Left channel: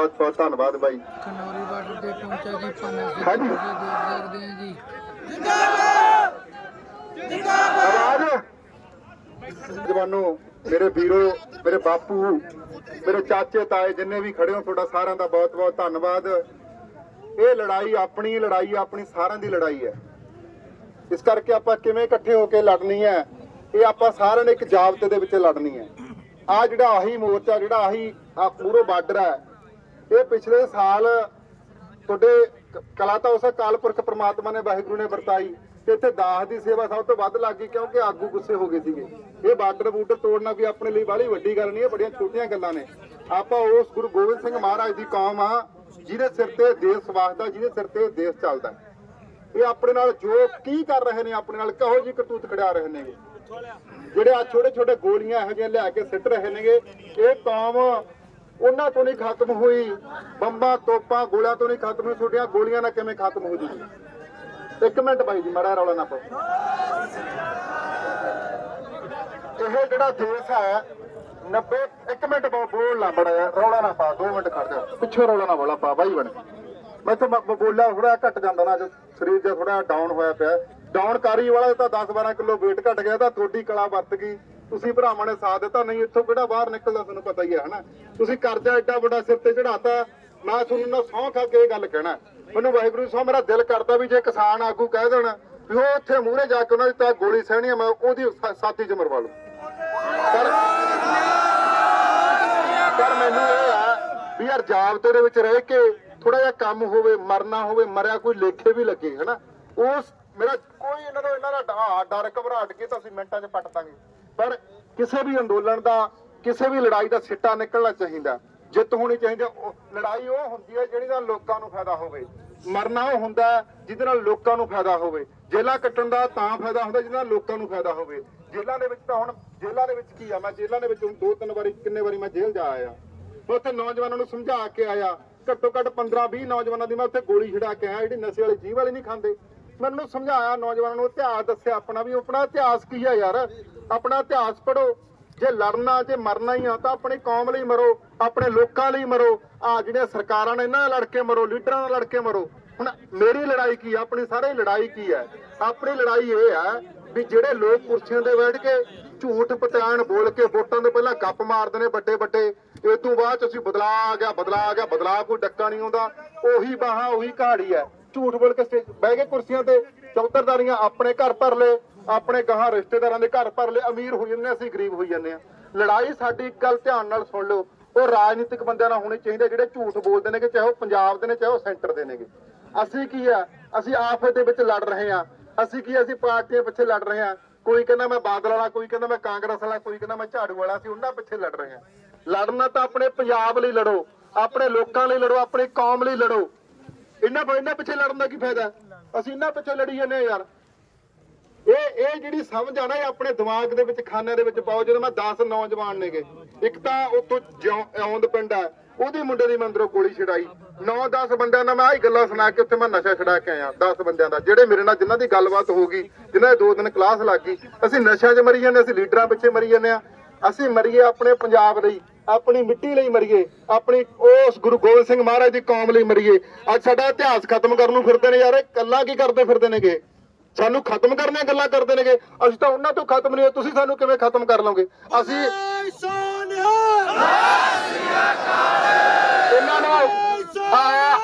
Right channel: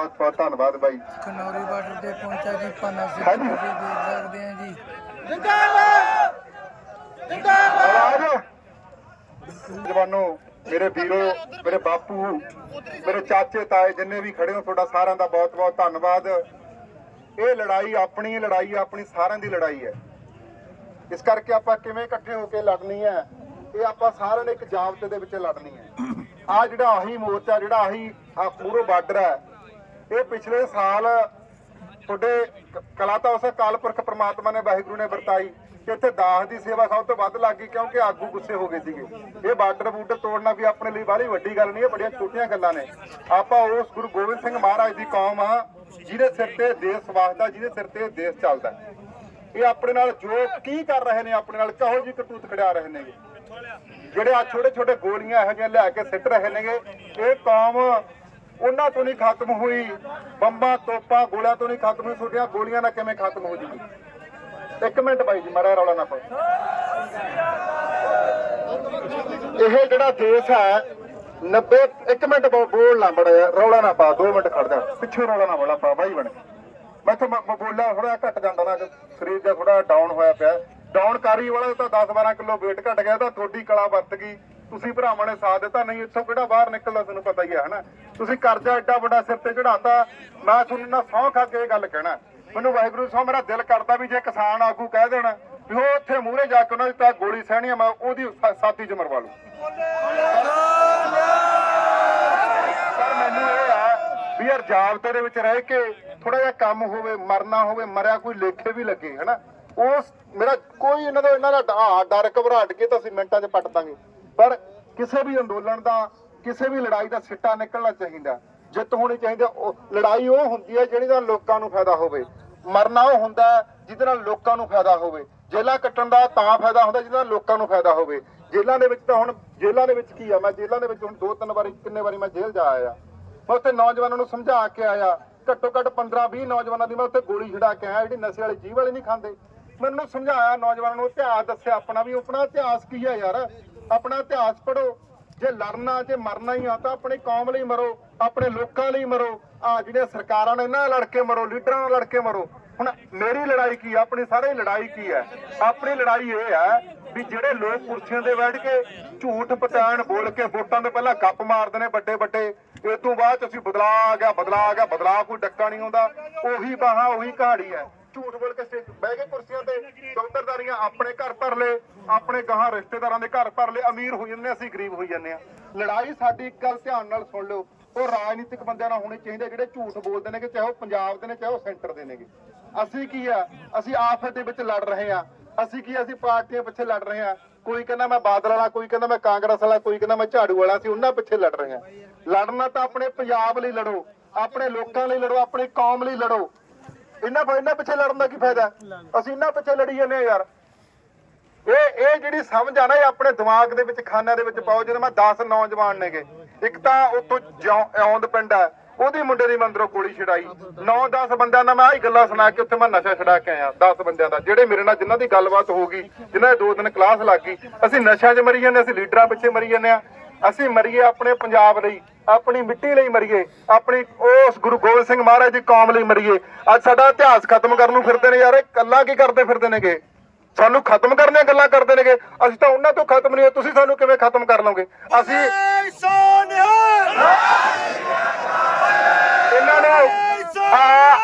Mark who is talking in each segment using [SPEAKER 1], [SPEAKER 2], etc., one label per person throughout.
[SPEAKER 1] ਬਹੁਤ ਬਹੁਤ ਧੰਨਵਾਦ ਬਾਈ ਖਨੌਰੀ ਬਾਰਡਰ ਤੇ ਪਹੁੰਚਾ ਜੀ ਪਾਨਾ ਜੀ ਹਾਂਜੀ। ਤੁਸੀਂ ਦੇਖ ਸਕਦੇ ਆ ਜੀ ਆਵਾਜ਼ ਜਵਾਨੋ ਮੇਰੇ ਵੀਰੋ ਮੇਰੇ ਬਾਪੂ ਮੇਰੇ ਚਾਚੇ ਤਾਏ ਜਿੰਨੇ ਵੀ ਖੜੇ ਹੋ ਤੁਹਾਡਾ ਸਾਰਿਆਂ ਦਾ ਬਹੁਤ ਬਹੁਤ ਧੰਨਵਾਦ ਇਹ ਲੜਾਈ ਆਪਣੀ ਲੜਾਈ ਆਪਣੀ ਸਾਰਿਆਂ ਦੀ ਲੜਾਈ ਹੈ ਇਸ ਕਰਕੇ ਆਪਾਂ ਕਿਵੇਂ ਇਕੱਠੇ ਹੋ ਕੇ ਲੜਨੀ ਹੈ ਇਹ ਆਪਾਂ ਸਾਰਿਆਂ ਨੇ ਇੱਕ ਜਾਬਤੇ ਦੇ ਵਿੱਚ ਲੜਨੀ ਹੈ ਆ ਜਿਹੜਾ ਆਹੀ ਮੋਰਚਾ ਜਿਹੜਾ ਆਹੀ ਆ ਪੂਰੋ ਬਾਰਡਰ ਹੈ ਇਹ ਪਿਛਲੇ ਸਾਲ ਤੁਹਾਡੇ ਕਲਾ ਤਾਂ ਉਸ ਕਾਲਪੁਰਖ ਪ੍ਰਮਾਤਮਾ ਨੇ ਵਾਹਿਗੁਰੂ ਨੇ ਵਰਤਾਈ ਤੇ ਇੱਥੇ ਦਾਸ ਦੀ ਸੇਵਾ ਸਭ ਤੋਂ ਵੱਧ ਲੱਗ ਗਈ ਕਿਉਂਕਿ ਆਗੂ ਗੁੱਸੇ ਹੋ ਗਏ ਸੀਗੇ ਇਹ ਬਾਰਡਰ ਬੂਟਰ ਤੋੜਨਾ ਵੀ ਆਪਣੇ ਲਈ ਬੜੀ ਵੱਡੀ ਗੱਲ ਨਹੀਂ ਹੈ ਬੜੀਆਂ ਛੋਟੀਆਂ ਗੱਲਾਂ ਨੇ ਆਪਾਂ ਉਸ ਗੁਰੂ ਗੋਬਿੰਦ ਸਿੰਘ ਮਹਾਰਾਜ ਦੀ ਕੌਮ ਆ ਜਿਹਦੇ ਸਿਰ ਤੇ ਦੇਸ਼ ਵਾਸਦਾ ਜਿਹਦੇ ਸਿਰ ਤੇ ਦੇਸ਼ ਚੱਲਦਾ ਇਹ ਆਪਣੇ ਨਾਲ ਜੋ ਕੀ ਕਰ ਰਹੇ ਨੇ ਆਪਣੇ ਨਾਲ ਕਹੋ ਜੀ ਕਰਤੂਤ ਖੜਿਆ ਰਹੇ ਨੇਗੇ ਜਿਹੜੇ ਆ ਛੋਟੇ ਛੋਟੇ ਗੋਲੀਆਂ ਇਹੋ ਜਿਹੀਆਂ ਲੈ ਕੇ ਸਿੱਟ ਰਹੇ ਨੇਗੇ ਇਹ ਕੌਮ ਉਹਨਾਂ ਤੋਂ ਨਹੀਂ ਖਤਮ ਹੋਈ ਬੰਬਾਂ ਤੋਪਾਂ ਗੋਲਾ ਤੋਂ ਨਹੀਂ ਖਤਮ ਹੋਈ ਤੁਹਾਡੀਆਂ ਗੋਲੀਆਂ ਨਾਲ ਕਿਵੇਂ ਖਤਮ ਹੋ ਜੂਗੀ ਇੱਕ ਮਿੰਟ ਬਾਈ ਜੀ ਮੜਾ ਰੌਲਾ ਨਾ ਪਾਓ ਇਹ ਜਿਹੜਾ ਦੇਸ਼ ਹੈ 90 ਇੱਕ ਮਿੰਟ ਬੋਲ ਨਾ ਬੜਾ ਰੌਲਾ ਨਾ ਪਾ 2 ਮਿੰਟ ਖੜਦਾ ਪਿੱਛੇ ਰੌਲਾ ਨਾ ਬੋਲਾ ਪਾ ਬਾਈ ਬਣ ਮੈਂ ਤਾਂ ਬੋਲਾ ਥੋੜਾ ਘਟ ਜਾਂਦਾ ਨਾ ਸਰੀਰ ਦਾ ਥੋੜਾ ਡਾਊਨ ਹੋਇਆ ਪਿਆ ਡਾਊਨ ਕਾਰੀ ਵਾਲਾ ਤਾਂ 10 12 ਕਿਲੋ weight ਘਟ ਗਿਆ ਤਾਂ ਥੋੜੀ ਕਲਾ ਵਰਤ ਗਈ ਤੁਸੀਂ ਭਰਾਵਾਂ ਨੇ ਸਾਥ ਦਿੱਤਾ ਨਹੀਂ ਇੱਥੋਂ ਕਿਹੜਾ ਬਾਹਰ ਨਿਕਲਦਾ ਤੁਹਾਨੂੰ ਪਤਾ ਹੀ ਹੈ ਹਨਾ ਤੁਸੀਂ ਕਰਜ਼ਾ ਐਡਾ ਵੱਡਾ ਸਿਰ ਤੇ ਚੜਾਤਾ ਮੈਂ ਤੁਹਾਨੂੰ ਨਾ ਸੌਂ ਖਾ ਕੇ ਇਹ ਗੱਲ ਕਹਿਣਾ ਮੈਨੂੰ ਵਾਹਿਗੁਰੂ ਸੌ ਮੇਰਾ ਦਿਲ ਕਰਦਾ ਵੀ ਜੇ ਕਿਸਾਨ ਆਗੂ ਕਹਿ ਦੇਣ ਵੀ ਉਹ ਉੱਥੇ ਮੂਹਰੇ ਜਾ ਕੇ ਉਹਨਾਂ ਦੀ ਤਾਂ ਗੋਲੀ ਸਹਿਣੀ ਮੈਂ ਉਹਦੀ ਸਾਥੀ ਚ ਮਰਵਾ ਲੂ ਪਰ ਮੈਨੂੰ ਇਹ ਆ ਵੀ ਯਾਰ ਜਾਬਤੇ ਦੇ ਵਿੱਚ ਰਹਿ ਕੇ ਥੋੜਾ ਜਿਹਾ ਕੰਮ ਹੋਵੇ ਮਰਨਾ ਹੋਵੇ ਮਰਿਆ ਕੋਈ ਲੇਖੇ ਵੀ ਲੱਗੇ ਹਨਾ ਉਸ ਮੇਰਾ ਕੋਈ ਇਹਨਾਂ ਦਾ ਇਹਨਾਂ ਦਾ ਡਰ ਘਬਰਾਟ ਕੇ ਤਾਂ ਅਸੀਂ ਮਿੰਟਾਂ 'ਚ ਪੱਟ ਦਾਂਗੇ ਪਰ ਕਿਸੇ ਵੀ ਅੰਦੋਲਨ ਦਾ ਕਿਸੇ ਵੀ ਲੜਾਈ ਦਾ ਸਿੱਟਾ ਨਿਕਲਣਾ ਚਾਹੀਦਾ ਜਿੱਤ ਹੋਣੀ ਚਾਹੀਦੀ ਲੜਾਈ ਉਹ ਹੁੰਦੀ ਹੈ ਜਿਹੜੀ ਦਾ ਲੋਕਾਂ ਨੂੰ ਫਾਇਦਾ ਹੋਵੇ ਮਰਨਾ ਉਹ ਹੁੰਦਾ ਜਿਹਦੇ ਨਾਲ ਲੋਕਾਂ ਨੂੰ ਫਾਇਦਾ ਹੋਵੇ ਜੇਲਾ ਕੱਟਣ ਦਾ ਤਾਂ ਫਾਇਦਾ ਹੁੰਦਾ ਜਿਹਦੇ ਨਾਲ ਲੋਕਾਂ ਨੂੰ ਫਾਇਦਾ ਹੋਵੇ ਜੇਲਾਂ ਦੇ ਵਿੱਚ ਤਾਂ ਹੁਣ ਜੇਲਾਂ ਦੇ ਵਿੱਚ ਕੀ ਆ ਮੈਂ ਜੇਲਾਂ ਦੇ ਵਿੱਚ ਹੁਣ ਦੋ ਤਿੰਨ ਵਾਰੀ ਕਿੰਨੇ ਵਾਰੀ ਮੈਂ ਜੇਲ੍ਹ ਜਾ ਆਇਆ ਮੈਂ ਉੱਥੇ ਨੌਜਵਾਨਾਂ ਨੂੰ ਸਮਝਾ ਕੇ ਆਇਆ ਘੱਟੋ ਘੱਟ 15 20 ਨੌਜਵਾਨਾਂ ਦੀ ਮੈਂ ਉੱਥੇ ਗੋਲੀ ਛਿੜਾ ਕੇ ਆਇਆ ਜਿਹੜੀ ਨਸ਼ੇ ਵਾਲੇ ਜੀਵ ਵਾਲੇ ਨਹੀਂ ਖਾਂਦੇ ਮੈਨੂੰ ਸਮਝਾਇਆ ਨੌਜਵਾਨਾਂ ਨੂੰ ਇਤਿਹਾਸ ਦੱਸਿਆ ਆਪਣਾ ਵੀ ਆਪਣਾ ਇਤਿਹਾਸ ਕੀ ਹੈ ਯਾਰ ਆਪਣਾ ਇਤਿਹਾਸ ਪੜੋ ਜੇ ਲੜਨਾ ਜੇ ਮਰਨਾ ਹੀ ਆ ਤਾਂ ਆਪਣੀ ਕੌਮ ਲਈ ਮਰੋ ਆਪਣੇ ਲੋਕਾਂ ਲਈ ਮਰੋ ਆ ਜਿਹੜੇ ਸਰਕਾਰਾਂ ਨੇ ਇਹਨਾਂ ਨਾਲ ਲੜ ਕੇ ਮਰੋ ਲੀਡਰਾਂ ਨਾਲ ਲੜ ਕੇ ਮਰੋ ਹੁਣ ਮੇਰੀ ਲੜਾਈ ਕੀ ਆ ਆਪਣੀ ਸਾਰੇ ਲੜਾਈ ਕੀ ਹੈ ਆਪਣੀ ਲੜਾਈ ਇਹ ਹੈ ਵੀ ਜਿਹੜੇ ਲੋਕ ਕੁਰਸੀਆਂ ਤੇ ਬੈਠ ਕੇ ਝੂਠ ਪਟਾਣ ਬੋਲ ਕੇ ਵੋਟਾਂ ਤੋਂ ਪਹਿਲਾਂ ਗੱਪ ਮਾਰਦੇ ਨੇ ਵੱਡੇ ਵੱਡੇ ਇਹ ਤੋਂ ਬਾਅਦ ਅਸੀਂ ਬਦਲਾ ਆ ਗਿਆ ਬਦਲਾ ਆ ਗਿਆ ਬਦਲਾ ਕੋਈ ਡੱਕਾ ਨਹੀਂ ਆਉਂਦਾ ਉਹੀ ਬਾਹਾਂ ਉਹੀ ਕਹਾੜੀ ਹੈ ਝੂਠ ਬੋਲ ਕੇ ਬਹਿ ਕੇ ਕੁਰਸੀਆਂ ਤੇ ਚੌਧਰਦਾਰੀਆਂ ਆਪਣੇ ਘਰ ਭਰ ਲੇ ਆਪਣੇ ਗਾਹਾਂ ਰਿਸ਼ਤੇਦਾਰਾਂ ਦੇ ਘਰ ਭਰ ਲੇ ਅਮੀਰ ਹੋ ਜੰਨੇ ਅਸੀਂ ਗਰੀਬ ਹੋ ਜੰਨੇ ਆ ਲੜਾਈ ਸਾਡੀ ਇੱਕ ਗੱਲ ਧਿਆਨ ਨਾਲ ਸੁਣ ਲਓ ਉਹ ਰਾਜਨੀਤਿਕ ਬੰਦਿਆਂ ਨਾਲ ਹੋਣੀ ਚਾਹੀਦੀ ਜਿਹੜੇ ਝੂਠ ਬੋਲਦੇ ਨੇ ਕਿ ਚਾਹੇ ਉਹ ਪੰਜਾਬ ਦੇ ਨੇ ਚਾਹੇ ਉਹ ਸੈਂਟਰ ਦੇ ਨੇਗੇ ਅਸੀਂ ਕੀ ਆ ਅਸੀਂ ਆਫਤ ਦੇ ਵਿੱਚ ਲੜ ਰਹੇ ਆ ਅਸੀਂ ਕੀ ਅਸੀਂ ਪਾਰਟੀਆਂ ਪਿੱਛੇ ਲੜ ਰਹੇ ਆ ਕੋਈ ਕਹਿੰਦਾ ਮੈਂ ਬਾਦਲ ਵਾਲਾ ਕੋਈ ਕਹਿੰਦਾ ਮੈਂ ਕਾਂਗਰਸ ਵਾਲਾ ਕੋਈ ਕਹਿੰਦਾ ਮੈਂ ਝਾੜੂ ਵਾਲਾ ਸੀ ਉਹਨਾਂ ਪਿੱਛੇ ਲੜ ਰਹੇ ਆ ਲੜਨਾ ਤਾਂ ਆਪਣੇ ਪੰਜਾਬ ਲਈ ਲੜੋ ਆਪਣੇ ਲੋਕਾਂ ਲਈ ਲੜੋ ਆਪਣੀ ਕੌਮ ਲਈ ਲੜੋ ਇਹਨਾਂ ਇੰਨਾ ਪਿੱਛੇ ਲੜਨ ਦਾ ਕੀ ਫਾਇਦਾ ਅਸੀਂ ਇੰਨਾ ਪਿੱਛੇ ਲੜੀ ਜਾਂਦੇ ਆ ਯਾਰ ਇਹ ਇਹ ਜਿਹੜੀ ਸਮਝ ਆ ਨਾ ਇਹ ਆਪਣੇ ਦਿਮਾਗ ਦੇ ਵਿੱਚ ਖਾਨਾ ਦੇ ਵਿੱਚ ਪਾਓ ਜਦੋਂ ਮੈਂ 10 ਨੌਜਵਾਨ ਨੇਗੇ ਇੱਕ ਤਾਂ ਉਤੋਂ ਆਉਂਦ ਪਿੰਡ ਆ ਉਹਦੀ ਮੁੰਡੇ ਦੀ ਮੰਦਰੋਂ ਕੋਲੀ ਛਡਾਈ 9-10 ਬੰਦਿਆਂ ਦਾ ਮੈਂ ਆਹੀ ਗੱਲਾਂ ਸੁਣਾ ਕੇ ਉੱਥੇ ਮੈਂ ਨਸ਼ਾ ਛਡਾ ਕੇ ਆਇਆ 10 ਬੰਦਿਆਂ ਦਾ ਜਿਹੜੇ ਮੇਰੇ ਨਾਲ ਜਿਨ੍ਹਾਂ ਦੀ ਗੱਲਬਾਤ ਹੋ ਗਈ ਜਿਨ੍ਹਾਂ ਦੇ ਦੋ ਦਿਨ ਕਲਾਸ ਲੱਗ ਗਈ ਅਸੀਂ ਨਸ਼ਾ 'ਚ ਮਰੀ ਜਾਂਦੇ ਅਸੀਂ ਲੀਡਰਾਂ ਪਿੱਛੇ ਮਰੀ ਜਾਂਦੇ ਆ ਅਸੀਂ ਮਰੀਏ ਆਪਣੇ ਪੰਜਾਬ ਲਈ ਆਪਣੀ ਮਿੱਟੀ ਲਈ ਮਰੀਏ ਆਪਣੀ ਉਸ ਗੁਰੂ ਗੋਬਿੰਦ ਸਿੰਘ ਮਹਾਰਾਜ ਦੀ ਕੌਮ ਲਈ ਮਰੀਏ ਅੱਜ ਸਾਡਾ ਇਤਿਹਾਸ ਖਤਮ ਕਰਨ ਨੂੰ ਫਿਰਦੇ ਨੇ ਯਾਰ ਇਹ ਕੱਲਾ ਕੀ ਕਰਦੇ ਫਿਰਦੇ ਨੇਗੇ ਸਾਨੂੰ ਖਤਮ ਕਰਨੇ ਗੱਲਾਂ ਕਰਦੇ ਨੇਗੇ ਅਸੀਂ ਤਾਂ ਉਹਨਾਂ ਤੋਂ ਖਤਮ ਨਹੀਂ ਹੋ ਤੁਸੀਂ ਸਾਨੂੰ ਕਿਵੇਂ ਖਤਮ ਕਰ ਲਓਗੇ ਅਸੀਂ ਇਹਨਾਂ ਨੂੰ ਆ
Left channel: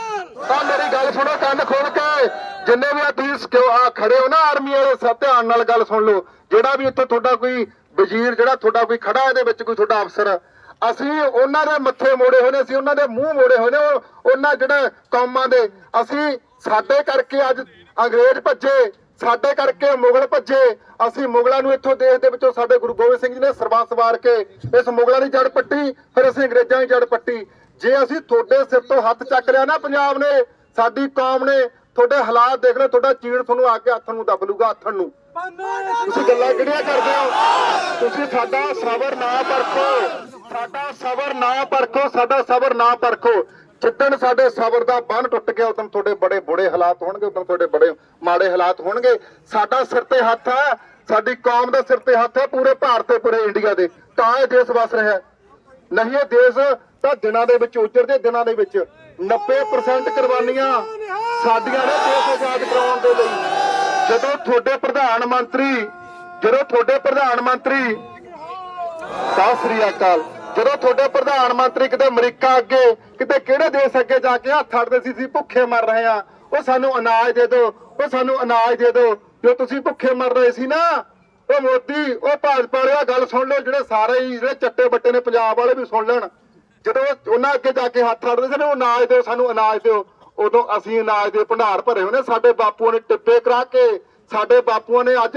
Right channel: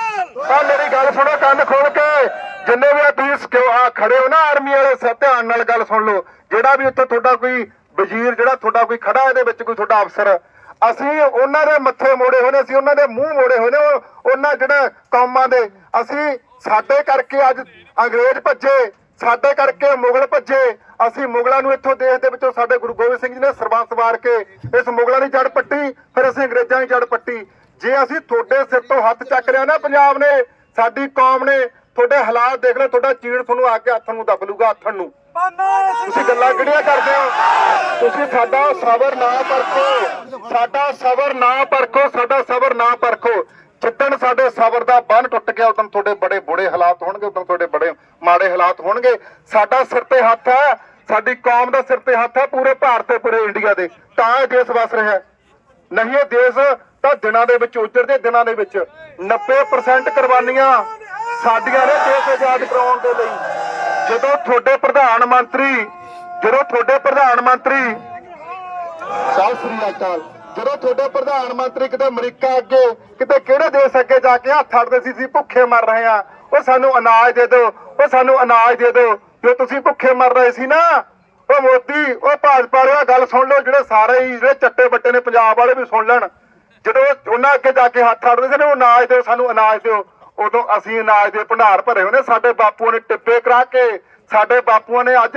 [SPEAKER 1] ਮੇਰੀ ਗੱਲ ਸੁਣੋ ਕੰਨ ਖੋਲ ਕੇ ਜਿੰਨੇ ਵੀ ਆ ਤੁਸੀਂ ਕਿਉਂ ਆ ਖੜੇ ਹੋ ਨਾ ਆਰਮੀ ਵਾਲੇ ਸਭ ਧਿਆਨ ਨਾਲ ਗੱਲ ਸੁਣ ਲਓ ਜਿਹੜਾ ਵੀ ਉੱਥੇ ਤੁਹਾਡਾ ਕੋਈ ਵਜ਼ੀਰ ਜਿਹੜਾ ਤੁਹਾਡਾ ਕੋਈ ਖੜਾ ਇਹਦੇ ਵਿੱਚ ਕੋਈ ਤੁਹਾਡਾ ਅਫਸਰ ਅਸੀਂ ਉਹਨਾਂ ਦੇ ਮੱਥੇ ਮੋੜੇ ਹੋਏ ਨੇ ਅਸੀਂ ਉਹਨਾਂ ਦੇ ਮੂੰਹ ਮੋੜੇ ਹੋਏ ਨੇ ਉਹਨਾਂ ਜਿਹੜਾ ਕੌਮਾਂ ਦੇ ਅਸੀਂ ਸਾਡੇ ਕਰਕੇ ਅੱਜ ਅੰਗਰੇਜ਼ ਭੱਜੇ ਸਾਡੇ ਕਰਕੇ ਮੁਗਲ ਭੱਜੇ ਅਸੀਂ ਮੁਗਲਾਂ ਨੂੰ ਇੱਥੋਂ ਦੇਸ਼ ਦੇ ਵਿੱਚੋਂ ਸਾਡੇ ਗੁਰੂ ਗੋਬਿੰਦ ਸਿੰਘ ਜੀ ਨੇ ਸਰਬੰਸ ਵਾਰ ਕੇ ਇਸ ਮੁਗਲਾਂ ਦੀ ਜੜ ਪੱਟੀ ਫਿਰ ਅਸੀਂ ਅੰਗਰੇਜ਼ਾਂ ਦੀ ਜੜ ਪੱਟੀ ਜੇ ਅਸੀਂ ਤੁਹਾਡੇ ਸਿਰ ਤੋਂ ਹੱਥ ਚੱਕ ਲਿਆ ਨਾ ਪੰਜਾਬ ਨੇ ਸਾਡੀ ਕੌਮ ਨੇ ਤੁਹਾਡੇ ਹਾਲਾਤ ਦੇਖ ਲੈ ਤੁਹਾਡਾ ਚੀੜ ਤੁਹਾਨੂੰ ਆ ਕੇ ਹੱਥ ਨੂੰ ਦਬ ਲੂਗਾ ਹੱਥ ਨੂੰ ਤੁਸੀਂ ਗੱਲਾਂ ਕਿਹੜੀਆਂ ਕਰਦੇ ਹੋ ਤੁਸੀਂ ਸਾਡਾ ਸਬਰ ਨਾ ਪਰਖੋ ਸਾਡਾ ਸਬਰ ਨਾ ਪਰਖੋ ਸਾਡਾ ਸਬਰ ਨਾ ਪਰਖੋ ਜਿੱਦਣ ਸਾਡੇ ਸਬਰ ਦਾ ਬੰਨ ਟੁੱਟ ਗਿਆ ਉਦੋਂ ਤੁਹਾਡੇ ਬੜੇ ਬੁੜੇ ਹਾਲਾਤ ਹੋਣਗੇ ਉਦੋਂ ਤੁਹਾਡੇ ਬੜੇ ਮਾੜੇ ਹਾਲਾਤ ਹੋਣਗੇ ਸਾਡਾ ਸਿਰ ਤੇ ਹੱਥ ਹੈ ਸਾਡੀ ਕੌਮ ਦਾ ਸਿਰ ਤੇ ਹੱਥ ਹੈ ਪੂਰੇ ਭਾਰਤ ਤੇ ਪੂਰੇ ਇੰਡੀਆ ਦੇ ਤਾਂ ਇਹ ਦੇਸ਼ ਵਸ ਰਿਹਾ ਨਹੀਂ ਇਹ ਦੇਸ਼ ਤਾਂ ਦਿਨਾਂ ਦੇ ਵਿੱਚ ਉਜੜਦੇ ਦਿਨਾਂ ਦੇ ਵਿੱਚ 90% ਕੁਰਬਾਨੀਆਂ ਸਾਡੀਆਂ ਨੇ ਦੇਸ਼ ਆਜ਼ਾਦ ਕਰਾਉਣ ਦੇ ਲਈ ਜਦੋਂ ਤੁਹਾਡੇ ਪ੍ਰਧਾਨ ਮੰਤਰੀ ਜਦੋਂ ਤੁਹਾਡੇ ਪ੍ਰਧਾਨ ਮੰਤਰੀ ਸਤਿ ਸ੍ਰੀ ਅਕਾਲ ਜਦੋਂ ਤੁਹਾਡੇ ਪ੍ਰਧਾਨ ਮੰਤਰੀ ਕਿਤੇ ਅਮਰੀਕਾ ਅੱਗੇ ਕਿਤੇ ਕਿਹੜੇ ਦੇਸ਼ ਅੱਗੇ ਜਾ ਕੇ ਹੱਥ ਅੜਦੇ ਸੀ ਸੀ ਭੁੱਖੇ ਮਰ ਰਹੇ ਆ ਉਹ ਸਾਨੂੰ ਅਨਾਜ ਦੇ ਦਿਓ ਉਹ ਸਾਨੂੰ ਅਨਾਜ ਦੇ ਦਿਓ ਜੋ ਤੁਸੀਂ ਭੁੱਖੇ ਮਰ ਰਹੇ ਸੀ ਨਾ ਉਹ ਮੋਦੀ ਉਹ ਭਾਜਪਾ ਵਾਲਿਆ ਗੱਲ ਸੁਣ ਲਓ ਜਿਹੜੇ ਸਾਰੇ ਜਿਹੜੇ ਚੱਟੇ ਬੱਟੇ ਨੇ ਪੰਜਾਬ ਵਾਲੇ ਵੀ ਸੁਣ ਲੈਣ ਜਦੋਂ ਉਹਨਾਂ ਅੱਗੇ ਜਾ ਕੇ ਹੱਥ ਅੜਦੇ ਸੀ ਨਾ ਉਹ ਅਨਾਜ ਦਿਓ ਸਾਨੂੰ ਅਨਾਜ ਦਿਓ ਉਦੋਂ ਅਸੀਂ ਅਨਾਜ ਦੇ ਭੰਡਾਰ ਭਰੇ ਹੋਣੇ ਸਾਡੇ ਬਾਪੂਆਂ ਨੇ ਟਿੱਬੇ ਕਰਾ ਕੇ ਸਾਡੇ ਬਾਪੂਆਂ ਨੇ ਅੱਜ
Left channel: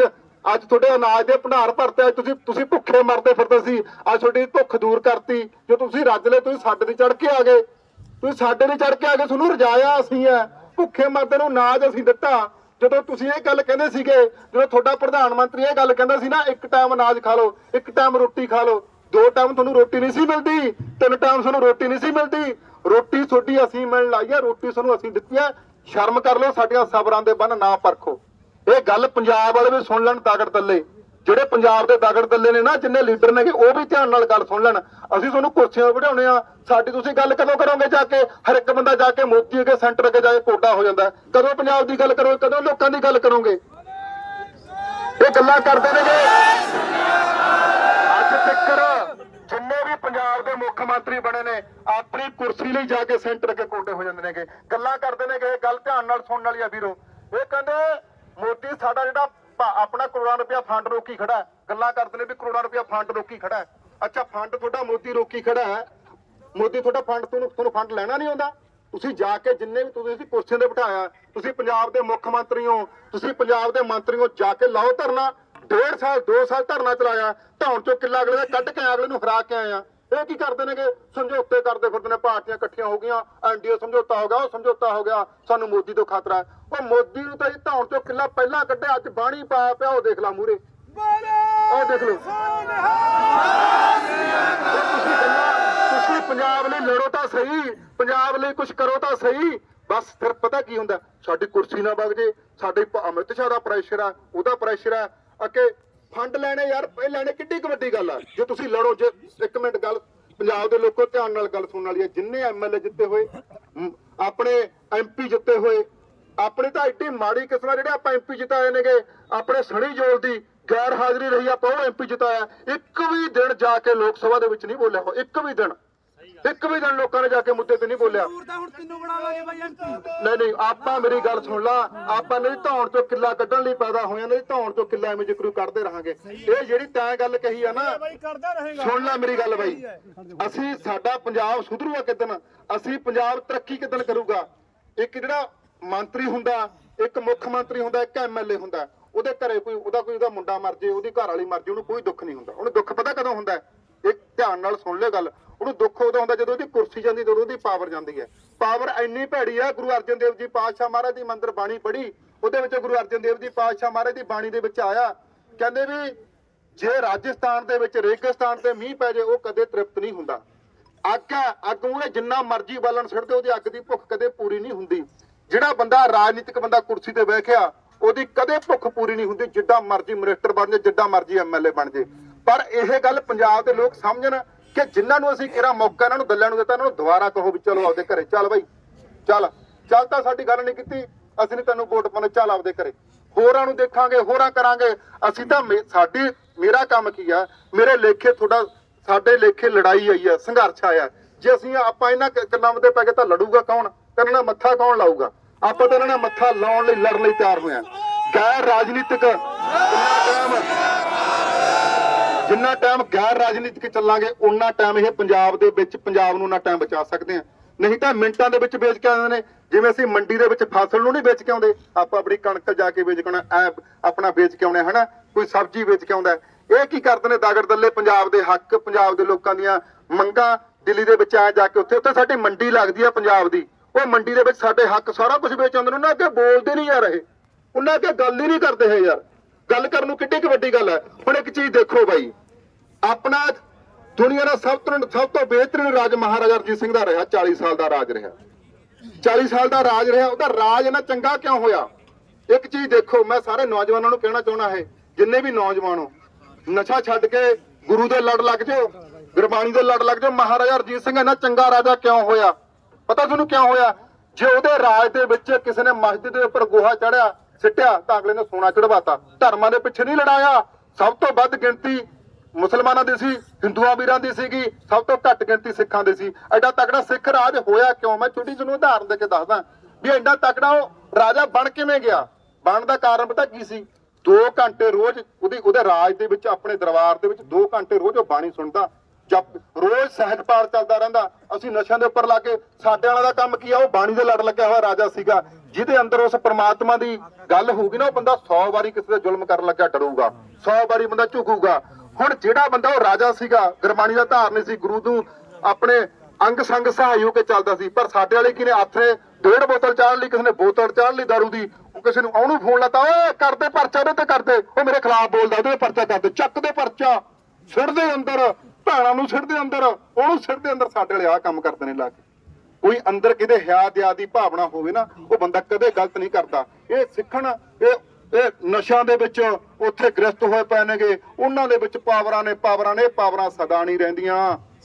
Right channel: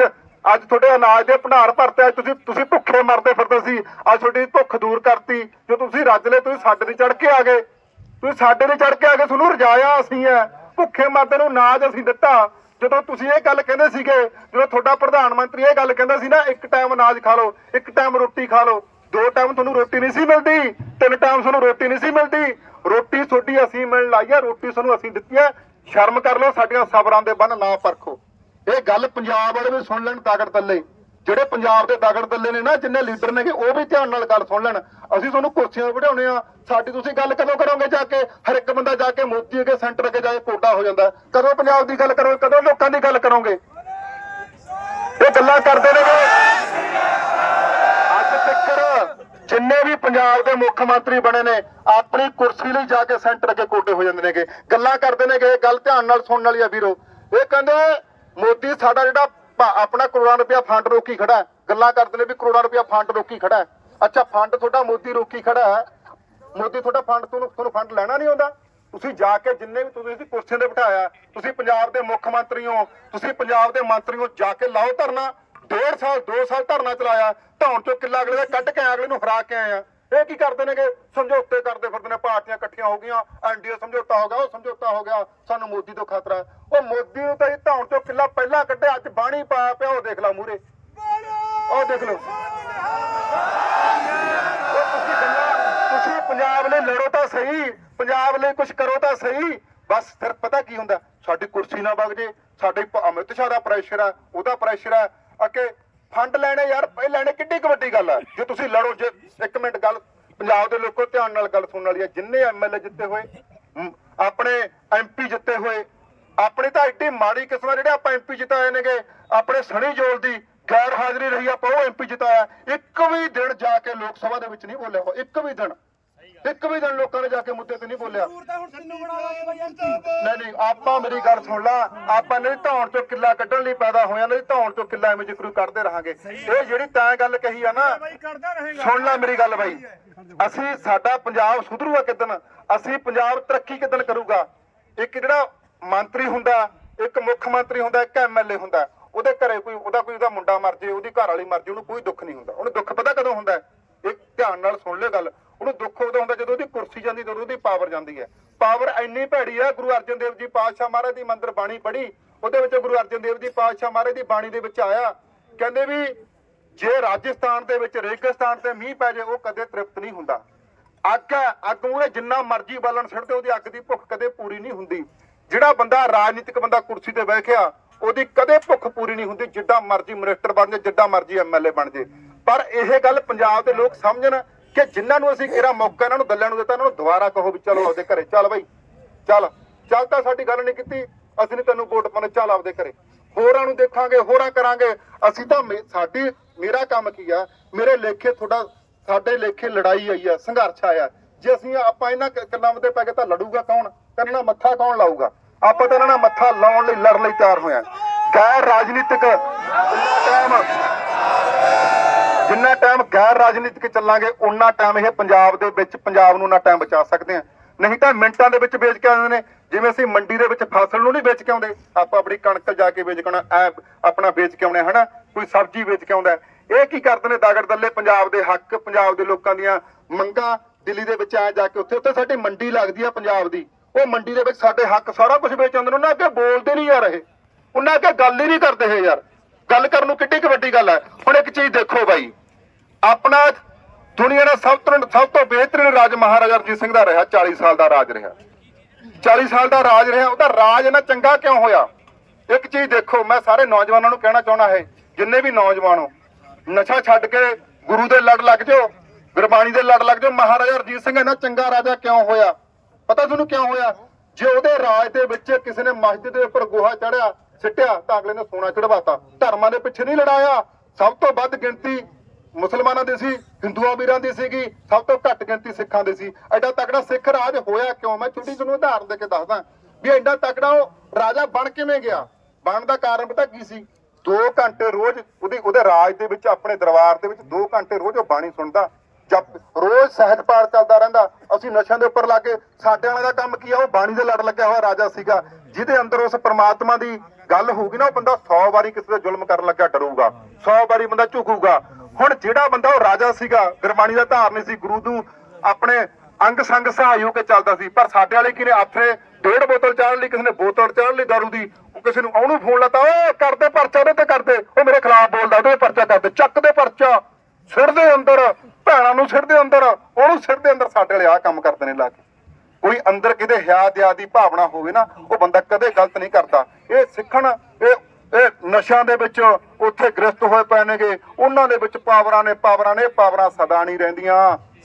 [SPEAKER 1] ਅੱਜ ਤੁਹਾਡੇ ਅਨਾਜ ਦੇ ਭੰਡਾਰ ਭਰਤੇ ਅੱਜ ਤੁਸੀਂ ਤੁਸੀਂ ਭੁੱਖੇ ਮਰਦੇ ਫਿਰਦੇ ਸੀ ਅੱਜ ਤੁਹਾਡੀ ਭੁੱਖ ਦੂਰ ਕਰਤੀ ਜੋ ਤੁਸੀਂ ਲੈ ਤੁਸੀਂ ਸਾਡੇ ਤੇ ਚੜ ਕੇ ਆ ਗਏ ਤੁਸੀਂ ਸਾਡੇ ਤੇ ਚੜ ਕੇ ਆ ਗਏ ਤੁਹਾਨੂੰ ਰਜਾਇਆ ਅਸੀਂ ਐ ਭੁੱਖੇ ਮਰਦੇ ਨੂੰ ਨਾਜ ਅਸੀਂ ਦਿੱਤਾ ਜਦੋਂ ਤੁਸੀਂ ਇਹ ਗੱਲ ਕਹਿੰਦੇ ਸੀਗੇ ਜਦੋਂ ਤੁਹਾਡਾ ਪ੍ਰਧਾਨ ਮੰਤਰੀ ਇਹ ਗੱਲ ਕਹਿੰਦਾ ਸੀ ਨਾ ਇੱਕ ਟਾਈਮ ਅਨਾਜ ਖਾ ਲਓ ਇੱਕ ਟਾਈਮ ਰੋਟੀ ਖਾ ਲਓ ਦੋ ਟਾਈਮ ਤੁਹਾਨੂੰ ਰੋਟੀ ਨਹੀਂ ਸੀ ਮਿਲਦੀ ਤਿੰਨ ਟਾਈਮ ਤੁਹਾਨੂੰ ਰੋਟੀ ਨਹੀਂ ਸੀ ਮਿਲਦੀ ਰੋਟੀ ਤੁਹਾਡੀ ਅਸੀਂ ਮਿਲ ਲਈ ਆ ਰੋਟੀ ਤੁਹਾਨੂੰ ਅਸੀਂ ਦਿੱਤੀ ਆ ਸ਼ਰਮ ਕਰ ਲਓ ਸਾਡੀਆਂ ਸਬਰਾਂ ਦੇ ਬੰਨ ਨਾ ਪਰਖੋ ਇਹ ਗੱਲ ਪੰਜਾਬ ਵਾਲੇ ਵੀ ਸੁਣ ਲੈਣ ਤਾਕਤ ਤੱਲੇ ਜਿਹੜੇ ਪੰਜਾਬ ਦੇ ਤਾਕਤ ਤੱਲੇ ਨੇ ਨਾ ਜਿੰਨੇ ਲੀਡਰ ਨੇਗੇ ਉਹ ਵੀ ਧਿਆਨ ਨਾਲ ਗੱਲ ਸੁਣ ਲੈਣ ਅਸੀਂ ਤੁਹਾਨੂੰ ਕੁਰਸੀਆਂ ਵਧਾਉਣੇ ਆ ਸਾਡੀ ਤੁਸੀਂ ਗੱਲ ਕਦੋਂ ਕਰੋਗੇ ਜਾ ਕੇ ਹਰ ਇੱਕ ਬੰਦਾ ਜਾ ਕੇ ਮੋਦੀ ਅਗੇ ਸੈਂਟਰ ਅਗੇ ਜਾ ਕੇ ਕੋਡਾ ਹੋ ਜਾਂਦਾ ਕਦੋਂ ਪੰਜਾਬ ਦੀ ਗੱਲ ਕਰੋਗੇ ਕਦੋਂ ਲੋਕਾਂ ਦੀ ਗੱਲ ਕਰੋਗੇ ਇਹ ਗੱਲਾਂ ਕਰਦੇ ਨੇ ਅੱਜ ਤੱਕ ਜਿੰਨੇ ਵੀ ਪੰਜਾਬ ਦੇ ਮੁੱਖ ਮੰਤਰੀ ਬਣੇ ਨੇ ਆਪਣੀ ਕੁਰਸੀ ਲਈ ਜਾ ਕੇ ਸੈਂਟਰ ਅੱਗੇ ਕੋਟੇ ਹੋ ਜਾਂਦੇ ਨੇਗੇ ਗੱਲਾਂ ਕਰਦੇ ਨੇਗੇ ਗੱਲ ਧਿਆਨ ਨਾਲ ਸੁਣਨ ਵਾਲੀ ਆ ਵੀਰੋ ਇਹ ਕਹਿੰਦੇ ਮੋਦੀ ਸਾਡਾ ਜਿਹੜਾ ਆਪਣਾ ਕਰੋੜਾਂ ਰੁਪਇਆ ਫੰਡ ਰੋਕੀ ਖੜਾ ਗੱਲਾਂ ਕਰਦੇ ਨੇ ਵੀ ਕਰੋੜਾਂ ਰੁਪਇਆ ਫੰਡ ਰੋਕੀ ਖੜਾ ਅੱਛਾ ਫੰਡ ਤੁਹਾਡਾ ਮੋਦੀ ਰੋਕੀ ਖੜਾ ਹੈ ਮੋਦੀ ਤੁਹਾਡਾ ਫੰਡ ਤੁਹਾਨੂੰ ਤੁਹਾਨੂੰ ਫੰਡ ਲੈਣਾ ਨਹੀਂ ਆਉਂਦਾ ਤੁਸੀਂ ਜਾ ਕੇ ਜਿੰਨੇ ਵੀ ਤੁਸੀਂ ਕੁਰਸੀਆਂ ਤੇ ਬਿਠਾਇਆ ਤੁਸੀਂ ਪੰਜਾਬ ਦੇ ਮੁੱਖ ਮੰਤਰੀ ਹੋ ਤੁਸੀਂ ਪੰਜਾਬ ਦੇ ਮੰਤਰੀ ਹੋ ਜਾ ਕੇ ਲਾਓ ਧਰਨਾ ਡੇਢ ਸਾਲ 2 ਸਾਲ ਧਰਨਾ ਚਲਾਇਆ ਧੌਣ ਚੋਂ ਕਿੱਲਾ ਅਗਲੇ ਦਾ ਕੱਢ ਕੇ ਅਗਲੇ ਨੂੰ ਹਰਾ ਕੇ ਆਇਆ ਇਹ ਕੀ ਕਰਦੇ ਨੇਗੇ ਸਮਝੌਤੇ ਕਰਦੇ ਫਿਰਦੇ ਨੇ ਪਾਰਟੀਆਂ ਇਕੱਠੀਆਂ ਹੋ ਗਈਆਂ ਐਨਡੀਏ ਸਮਝੌਤਾ ਹੋ ਗਿਆ ਉਹ ਸਮਝੌਤਾ ਹੋ ਗਿਆ ਸਾਨੂੰ ਮੋਦੀ ਤੋਂ ਖਤਰਾ ਉਹ ਮੋਦੀ ਨੂੰ ਤਾਂ ਇਹ ਧੌਣ ਚੋਂ ਕਿੱਲਾ ਪਹਿਲਾਂ ਕੱਢਿਆ ਅੱਜ ਬਾਣੀ ਪਾ ਪਿਆ ਉਹ ਦੇਖ ਲਾ ਮੂਰੇ ਉਹ ਦੇਖ ਲਓ ਉਹ ਤੁਸੀਂ ਗੱਲਾਂ ਤੁਸੀਂ ਪੰਜਾਬ ਲਈ ਲੜੋ ਤਾਂ ਸਹੀ ਪੰਜਾਬ ਲਈ ਕੁਝ ਕਰੋ ਤਾਂ ਸਹੀ ਬਸ ਫਿਰ ਪਤਾ ਕੀ ਹੁੰਦਾ ਸਾਡੀ ਕੁਰਸੀ ਨਾ ਵਗ ਜੇ ਸਾਡੇ ਅਮਿਤ ਸ਼ਾਹ ਦਾ ਪ੍ਰੈਸ਼ਰ ਆ ਉਹਦਾ ਪ੍ਰੈਸ਼ਰ ਆ ਅੱਗੇ ਫੰਡ ਲੈਣੇ ਯਾਰ ਇਹ ਲੈਣੇ ਕਿੱਡੀ ਕਬੱਡੀ ਗੱਲ ਆ ਜੇ ਤੁਸੀਂ ਲੜੋ ਜੇ ਇੱਕ ਮਿੰਟ ਗੱਲ ਪੰਜਾਬ ਦੇ ਲੋਕੋ ਧਿਆਨ ਨਾਲ ਗੱਲ ਸੁਣਨ ਵਾਲੀ ਹੈ ਜਿੰਨੇ ਐਮਐਲਏ ਜਿੱਤੇ ਹੋਏ ਆਪਣੇ ਐਮਪੀ ਜਿੱਤੇ ਹੋਏ ਆਪਣੇ ਤਾਂ ਇੱਡੀ ਮਾੜੀ ਕਿਸਮਾਂ ਜਿਹੜੇ ਆਪਾਂ ਐਮਪੀ ਜਿਤਾਏ ਨੇਗੇ ਆਪਣੇ ਸਣੀ ਜੋਲ ਦੀ ਗੈਰ ਹਾਜ਼ਰੀ ਰਹੀ ਆਪਾਂ ਉਹ ਐਮਪੀ ਜਿਤਾਇਆ ਇੱਕ ਵੀ ਦਿਨ ਜਾ ਕੇ ਲੋਕ ਸਭਾ ਦੇ ਵਿੱਚ ਨਹੀਂ ਬੋਲਿਆ ਇੱਕ ਵੀ ਦਿਨ ਇੱਕ ਵੀ ਦਿਨ ਲੋਕਾਂ ਨੇ ਜਾ ਕੇ ਮੁੱਦੇ ਤੇ ਨਹੀਂ ਬੋਲਿਆ ਜ਼ਰੂਰ ਤਾਂ ਹੁਣ ਤੈਨੂੰ ਬਣਾਵਾਂਗੇ ਬਾਈ ਐਮਪੀ ਨਹੀਂ ਨਹੀਂ ਆਪਾਂ ਮੇਰੀ ਗੱਲ ਸੁਣ ਲਾ ਆਪਾਂ ਨੇ ਧੌਣ ਚੋਂ ਕਿੱਲਾ ਕੱਢਣ ਲਈ ਪੈਦਾ ਹੋਇਆ ਨੇ ਧੌਣ ਚੋਂ ਕਿੱਲਾ ਐਵੇਂ ਜਿਕਰੂ ਕੱਢਦੇ ਰਹਾਂਗੇ ਇਹ ਜਿਹੜੀ ਤੈਂ ਗੱਲ ਕਹੀ ਆ ਨਾ ਸੁਣ ਲੈ ਮੇਰੀ ਗੱਲ ਬਾਈ ਅਸੀਂ ਸਾਡਾ ਪੰਜਾਬ ਸੁਧਰੂਗਾ ਕਿਦਨ ਅਸੀਂ ਪੰਜਾਬ ਤਰੱਕੀ ਕਿਦਨ ਕਰੂਗਾ ਇੱਕ ਜਿਹੜਾ ਮੰਤਰੀ ਹੁੰਦਾ ਇੱਕ ਮੁੱਖ ਮੰਤਰੀ ਹੁੰਦਾ ਇੱਕ ਐਮਐਲਏ ਹੁੰਦਾ ਉਹਦੇ ਘਰੇ ਕੋਈ ਉਹਦਾ ਕੋਈ ਉਹਦਾ ਮੁੰਡਾ ਮਰ ਜੇ ਉਹਦੀ ਘਰ ਵਾਲੀ ਮਰ ਜੇ ਉਹਨੂੰ ਕੋਈ ਦੁੱਖ ਨਹੀਂ ਹੁੰਦਾ ਉਹਨੂੰ ਦੁੱਖ ਪਤਾ ਕਦੋਂ ਹੁੰਦਾ ਇੱਕ ਧਿਆਨ ਨਾਲ ਸੁਣ ਲੈ ਗੱਲ ਉਹਨੂੰ ਦੁੱਖ ਉਦੋਂ ਹੁੰਦਾ ਜਦੋਂ ਉਹਦੀ ਕੁਰਸੀ ਜਾਂਦੀ ਜਦੋਂ ਉਹਦੀ ਪਾਵਰ ਜਾਂਦੀ ਹੈ ਪਾਵਰ ਇੰਨੀ ਭੈੜੀ ਆ ਗੁਰੂ ਅਰਜਨ ਦੇਵ ਜੀ ਪਾਤਸ਼ਾਹ ਮਹਾਰਾਜ ਦੀ ਮੰਦਰ ਬਾਣੀ ਪੜ੍ਹੀ ਉਹਦੇ ਵਿੱਚ ਗੁਰੂ ਅਰਜਨ ਦੇਵ ਜੀ ਪਾਤਸ਼ਾਹ ਮਹਾਰਾਜ ਦੀ ਬਾਣੀ ਦੇ ਵਿੱਚ ਆਇਆ ਕਹਿੰਦੇ ਵੀ ਜੇ ਰਾਜਸਥਾਨ ਦੇ ਵਿੱਚ ਰੇਗਿਸਤਾਨ ਤੇ ਮੀਂਹ ਪੈ ਜੇ ਉਹ ਕਦੇ ਤ੍ਰਿਪਤ ਨਹੀਂ ਹੁੰਦਾ ਅੱਗ ਹੈ ਅੱਗ ਮੂਹਰੇ ਜਿੰਨਾ ਮਰਜ਼ੀ ਬਾਲਣ ਛੱਡਦੇ ਉਹਦੀ ਅੱਗ ਦੀ ਭੁੱਖ ਕਦੇ ਪੂਰੀ ਨਹੀਂ ਹੁੰਦੀ ਜਿਹੜਾ ਬੰਦਾ ਰਾਜਨੀਤਿਕ ਬੰਦਾ ਕੁਰਸੀ ਤੇ ਬੈਠਿਆ ਉਹਦੀ ਕਦੇ ਭੁੱਖ ਪੂਰੀ ਨਹੀਂ ਹੁੰਦੀ ਜਿੱਡਾ ਮਰਜ਼ੀ ਮਿਨਿਸਟਰ ਬਣ ਜੇ ਜਿੱਡਾ ਮਰਜ਼ੀ ਐਮਐਲਏ ਬਣ ਜੇ ਪਰ ਇਹ ਗੱਲ ਪੰਜਾਬ ਦੇ ਲੋਕ ਸਮਝਣ ਕਿ ਜਿਨ੍ਹਾਂ ਨੂੰ ਅਸੀਂ ਕਿਹੜਾ ਮੌਕਾ ਇਹਨਾਂ ਨੂੰ ਗੱਲਾਂ ਨੂੰ ਦਿੱਤਾ ਇਹਨਾਂ ਨੂੰ ਦੁਬਾਰਾ ਕਹੋ ਵੀ ਚਲੋ ਆਪਦੇ ਘਰੇ ਚੱਲ ਬਈ ਚੱਲ ਚੱਲ ਤਾਂ ਸਾਡੀ ਗੱਲ ਨਹੀਂ ਕੀਤੀ ਅਸੀਂ ਨੇ ਤੈਨੂੰ ਵੋਟ ਪਾਉਣੇ ਚੱਲ ਆਪਦੇ ਘਰੇ ਹੋਰਾਂ ਨੂੰ ਦੇਖਾਂਗੇ ਹੋਰਾਂ ਕਰਾਂਗੇ ਅਸੀਂ ਤਾਂ ਸਾਡੀ ਮੇਰਾ ਕੰਮ ਕੀ ਆ ਮੇਰੇ ਲੇਖੇ ਤੁਹਾਡਾ ਸਾਡੇ ਲੇਖੇ ਲੜਾਈ ਆਈ ਆ ਸੰਘਰਸ਼ ਆਇਆ ਜੇ ਅਸੀਂ ਆਪਾਂ ਇਹਨਾਂ ਕੰਨਾਂ ਤੇ ਪੈ ਕੇ ਤਾਂ ਲੜੂਗਾ ਕੌਣ ਤੇ ਨਾਲ ਮੱਥਾ ਕੌਣ ਲਾਊਗਾ ਆਪਾਂ ਤਾਂ ਇਹਨਾਂ ਨਾਲ ਮੱਥਾ ਲਾਉਣ ਲਈ ਲੜਨ ਲਈ ਤਿਆਰ ਹੋਇਆ ਗੈਰ ਰਾਜਨੀਤਿਕ ਟਾਈਮ ਜਿੰਨਾ ਟਾਈਮ ਗੈਰ ਰਾਜਨੀਤਿਕ ਚੱਲਾਂਗੇ ਉਨਾ ਟਾਈਮ ਇਹ ਪੰਜਾਬ ਦੇ ਵਿੱਚ ਪੰਜਾਬ ਨੂੰ ਨਾ ਟਾਈਮ ਬਚਾ ਸਕਦੇ ਆ ਨਹੀਂ ਤਾਂ ਮਿੰਟਾਂ ਦੇ ਵਿੱਚ ਵੇਚ ਕੇ ਆਉਂਦੇ ਨੇ ਜਿਵੇਂ ਅਸੀਂ ਮੰਡੀ ਦੇ ਵਿੱਚ ਫਸਲ ਨੂੰ ਨਹੀਂ ਵੇਚ ਕੇ ਆਉਂਦੇ ਆਪਾਂ ਆਪਣੀ ਕਣਕ ਜਾ ਕੇ ਵੇਚ ਆ ਆਪਣਾ ਵੇਚ ਕੇ ਆਉਂਦੇ ਹਨਾ ਕੋਈ ਸਬਜ਼ੀ ਵੇਚ ਕੇ ਆਉਂਦਾ ਇਹ ਕੀ ਕਰਦੇ ਨੇ ਦਾਗੜ ਦੱਲੇ ਪੰਜਾਬ ਦੇ ਹੱਕ ਪੰਜਾਬ ਦੇ ਲੋਕਾਂ ਦੀਆਂ ਮੰਗਾਂ ਦਿੱਲੀ ਦੇ ਵਿੱਚ ਆ ਜਾ ਕੇ ਉੱਥੇ ਉੱਥੇ ਸਾਡੀ ਮੰਡੀ ਲੱਗਦੀ ਆ ਪੰਜਾਬ ਦੀ ਉਹ ਮੰਡੀ ਦੇ ਵਿੱਚ ਸਾਡੇ ਹੱਕ ਸਾਰਾ ਕੁਝ ਵੇਚ ਆਉਂਦੇ ਨੇ ਉਹਨਾਂ ਅੱਗੇ ਬੋਲਦੇ ਨਹੀਂ ਯਾਰ ਇਹ ਉਹਨਾਂ ਅੱਗੇ ਗੱਲ ਹੀ ਨਹੀਂ ਕਰਦੇ ਹੈ ਯਾਰ ਗੱਲ ਕਰਨ ਨੂੰ ਕਿੱਡੀ ਕਿ ਵੱਡੀ ਗੱਲ ਹੈ ਹੁਣ ਇੱਕ ਚੀਜ਼ ਦੇਖੋ ਬਾਈ ਆਪਣਾ ਦੁਨੀਆ ਦਾ ਸਭ ਤੋਂ ਸਭ ਤੋਂ ਬਿਹਤਰੀਨ ਰਾਜ ਮਹਾਰਾਜਾ ਰਜੀਤ ਸਿੰਘ ਦਾ ਰਿਹਾ 40 ਸਾਲ ਦਾ ਰਾਜ ਰਿਹਾ 40 ਸਾਲ ਦਾ ਰਾਜ ਰਿਹਾ ਉਹਦਾ ਰਾਜ ਇਹਨਾਂ ਚੰਗਾ ਕਿਉਂ ਹੋਇਆ ਇੱਕ ਚੀਜ਼ ਦੇਖੋ ਮੈਂ ਸਾਰੇ ਨੌਜਵਾਨਾਂ ਨੂੰ ਕਹਿਣਾ ਚਾਹਣਾ ਹੈ ਜਿੰਨੇ ਵੀ ਨੌਜਵਾਨ ਹੋ ਨਸ਼ਾ ਛੱਡ ਕੇ ਗੁਰੂ ਦੇ ਲੜ ਲੱਗ ਜਾਓ ਗੁਰਬਾਣੀ ਦੇ ਲੜ ਲੱਗ ਜਾਓ ਮਹਾਰਾਜਾ ਰਜੀਤ ਸਿੰਘ ਇਹਨਾਂ ਚੰਗਾ ਰਾਜਾ ਕਿਉਂ ਹੋਇਆ ਪਤਾ ਤੁਹਾਨੂੰ ਕਿਉਂ ਹੋਇਆ ਜੇ ਉਹਦੇ ਰਾਜ ਦੇ ਵਿੱਚ ਕਿਸੇ ਨੇ ਮਸਜਿਦ ਦੇ ਉੱਪਰ ਗੋਹਾ ਚੜਿਆ ਸਿੱਟਿਆ ਤਾਂ ਅਗਲੇ ਨੇ ਸੋਨਾ ਚੜਵਾਤਾ ਧਰਮਾਂ ਦੇ ਪਿੱਛੇ ਨਹੀਂ ਲੜਾਇਆ ਸਭ ਤੋਂ ਵੱਧ ਗਿਣਤੀ ਮੁਸਲਮਾਨਾਂ ਦੀ ਸੀ ਹਿੰਦੂਆਂ ਵੀਰਾਂ ਦੀ ਸੀਗੀ ਸਭ ਤੋਂ ਘੱਟ ਗਿਣਤੀ ਸਿੱਖਾਂ ਦੀ ਸੀ ਐਡਾ ਤਕੜਾ ਸਿੱਖ ਰਾਜ ਹੋਇਆ ਕਿਉਂ ਮੈਂ ਛੋਟੀ ਜਿਹੀ ਨੂੰ ਉਦਾਹਰਨ ਦੇ ਕੇ ਦੱਸਦਾ ਵੀ ਐਡਾ ਤਕੜਾ ਉਹ ਰਾਜਾ ਬਣ ਕਿਵੇਂ ਗਿਆ ਬਣ ਦਾ ਕਾਰਨ ਪਤਾ ਕੀ ਸੀ 2 ਘੰਟੇ ਰੋਜ਼ ਉਹਦੀ ਉਹਦੇ ਰਾਜ ਦੇ ਵਿੱਚ ਆਪਣੇ ਦਰਬਾਰ ਦੇ ਵਿੱਚ 2 ਘੰਟੇ ਰੋਜ਼ ਉਹ ਬਾਣੀ ਸੁਣਦਾ ਜਪ ਰੋਜ਼ ਸਹਿਜ ਪਾਠ ਚੱਲਦਾ ਰਹਿੰਦਾ ਅਸੀਂ ਨਸ਼ਿਆਂ ਦੇ ਉੱਪਰ ਲਾ ਕੇ ਸਾਡੇ ਵਾਲਾ ਦਾ ਕੰਮ ਕੀ ਆ ਉਹ ਬਾਣੀ ਦੇ ਲੜ ਲੱਗਿਆ ਹੋਇਆ ਰਾਜਾ ਸੀਗਾ ਜਿਹਦੇ ਅੰਦਰ ਉਸ ਪਰਮਾਤਮਾ ਦੀ ਗੱਲ ਹੋਊਗੀ ਨਾ ਉਹ ਬੰਦਾ 100 ਵਾਰੀ ਕਿਸੇ ਦਾ ਜ਼ੁਲਮ ਕਰਨ ਲੱਗਾ ਡਰੂਗਾ 100 ਵਾਰੀ ਬੰਦਾ ਝੁਕੂਗਾ ਹੁਣ ਜਿਹੜਾ ਬੰਦਾ ਉਹ ਰਾਜਾ ਸੀਗਾ ਗੁਰਬਾਣੀ ਦਾ ਧਾਰਨੀ ਸੀ ਗੁਰੂ ਨੂੰ ਆਪਣੇ ਅੰਗ ਸੰਗ ਸਹਾਈ ਹੋ ਕੇ ਚੱਲਦਾ ਸੀ ਪਰ ਸਾਡੇ ਵਾਲੇ ਕਿਨੇ ਆਥਰੇ ਡੇਢ ਬੋਤਲ ਚਾੜ ਲਈ ਕਿਸੇ ਨੇ ਬੋਤਲ ਚਾੜ ਲਈ ਦਾਰੂ ਦੀ ਉਹ ਕਿਸੇ ਨੂੰ ਉਹਨੂੰ ਫੋਨ ਲਾਤਾ ਓਏ ਕਰਦੇ ਪਰਚਾ ਉਹਦੇ ਤੇ ਕਰਦੇ ਉਹ ਮੇਰੇ ਖਿਲਾਫ ਬੋਲਦਾ ਉਹਦੇ ਪਰਚਾ ਕਰਦੇ ਚੱਕ ਦੇ ਪਰਚਾ ਸਿਰ ਦੇ ਅੰਦਰ ਭੈਣਾਂ ਨੂੰ ਸਿਰ ਦੇ ਅੰਦਰ ਉਹਨੂੰ ਸਿਰ ਦੇ ਅੰਦਰ ਸਾਡੇ ਵਾਲੇ ਆ ਕੰਮ ਕਰਦੇ ਨੇ ਲਾ ਕੇ ਕੋਈ ਅੰਦਰ ਕਿਤੇ ਹਿਆ ਦਿਆ ਦੀ ਭਾਵਨਾ ਹੋਵੇ ਨਾ ਉਹ ਬੰਦਾ ਕਦੇ ਗਲਤ ਨਹੀਂ ਕਰਦਾ ਇਹ ਸਿੱਖਣ ਇਹ ਇਹ ਨਸ਼ਿਆਂ ਦੇ ਵਿੱਚ ਉੱਥੇ ਗ੍ਰਸਤ ਹੋਏ ਪਏ ਨੇਗੇ ਉਹਨਾਂ ਦੇ ਵਿੱਚ ਪਾਵਰਾਂ ਨੇ ਪਾਵਰਾਂ ਨੇ ਪਾਵਰਾਂ ਸਦਾ ਨਹੀਂ ਰਹਿੰਦੀਆਂ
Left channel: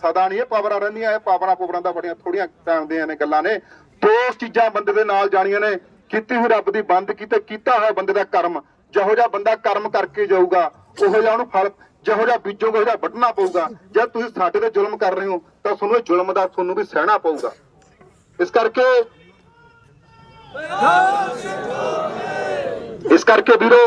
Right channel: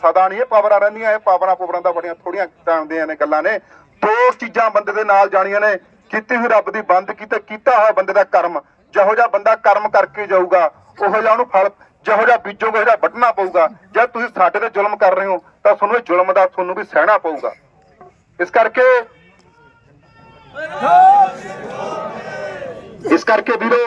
[SPEAKER 1] ਸਦਾ ਨਹੀਂ ਇਹ ਪਾਵਰਾਂ ਰਹਿੰਦੀਆਂ ਇਹ ਪਾਵਰਾਂ ਪੋਵਰਾਂ ਦਾ ਬੜੀਆਂ ਥੋੜੀਆਂ ਟਾਈਮ ਦੇ ਨੇ ਗੱਲਾਂ ਨੇ ਦੋ ਚੀਜ਼ਾਂ ਬੰਦੇ ਦੇ ਨਾਲ ਜਾਣੀਆਂ ਨੇ ਕੀਤੀ ਹੋਈ ਰੱਬ ਦੀ ਬੰਦ ਕੀਤਾ ਕੀਤਾ ਹੋਇਆ ਬੰਦੇ ਦਾ ਕਰਮ ਜਿਹੋ ਜਿਹਾ ਬੰਦਾ ਕਰਮ ਕਰਕੇ ਜਾਊਗਾ ਉਹੋ ਜਿਹਾ ਉਹਨੂੰ ਫਲ ਜਿਹੋ ਜਿਹਾ ਬੀਜੋਗੇ ਜਿਹੜਾ ਵੱਢਣਾ ਪਊਗਾ ਜੇ ਤੁਸੀਂ ਸਾਡੇ ਤੇ ਜ਼ੁਲਮ ਕਰ ਰਹੇ ਹੋ ਤਾਂ ਤੁਹਾਨੂੰ ਇਹ ਜ਼ੁਲਮ ਦਾ ਤੁਹਾਨੂੰ ਵੀ ਸਹਿਣਾ ਪਊਗਾ ਇਸ ਕਰਕੇ ਇਸ ਕਰਕੇ ਵੀਰੋ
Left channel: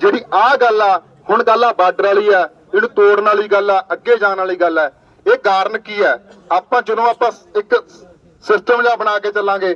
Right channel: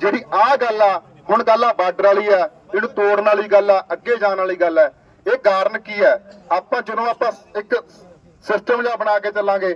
[SPEAKER 1] ਜਿਹੜੀ ਆ ਗੱਲ ਆ ਹੁਣ ਗੱਲ ਆ ਬਾਰਡਰ ਵਾਲੀ ਆ ਇਹਨੂੰ ਤੋੜਨ ਵਾਲੀ ਗੱਲ ਆ ਅੱਗੇ ਜਾਣ ਵਾਲੀ ਗੱਲ ਆ ਇਹ ਕਾਰਨ ਕੀ ਹੈ ਆਪਾਂ ਜਦੋਂ ਆਪਾਂ ਇੱਕ ਸਿਸਟਮ ਜਿਹਾ ਬਣਾ ਕੇ ਚੱਲਾਂਗੇ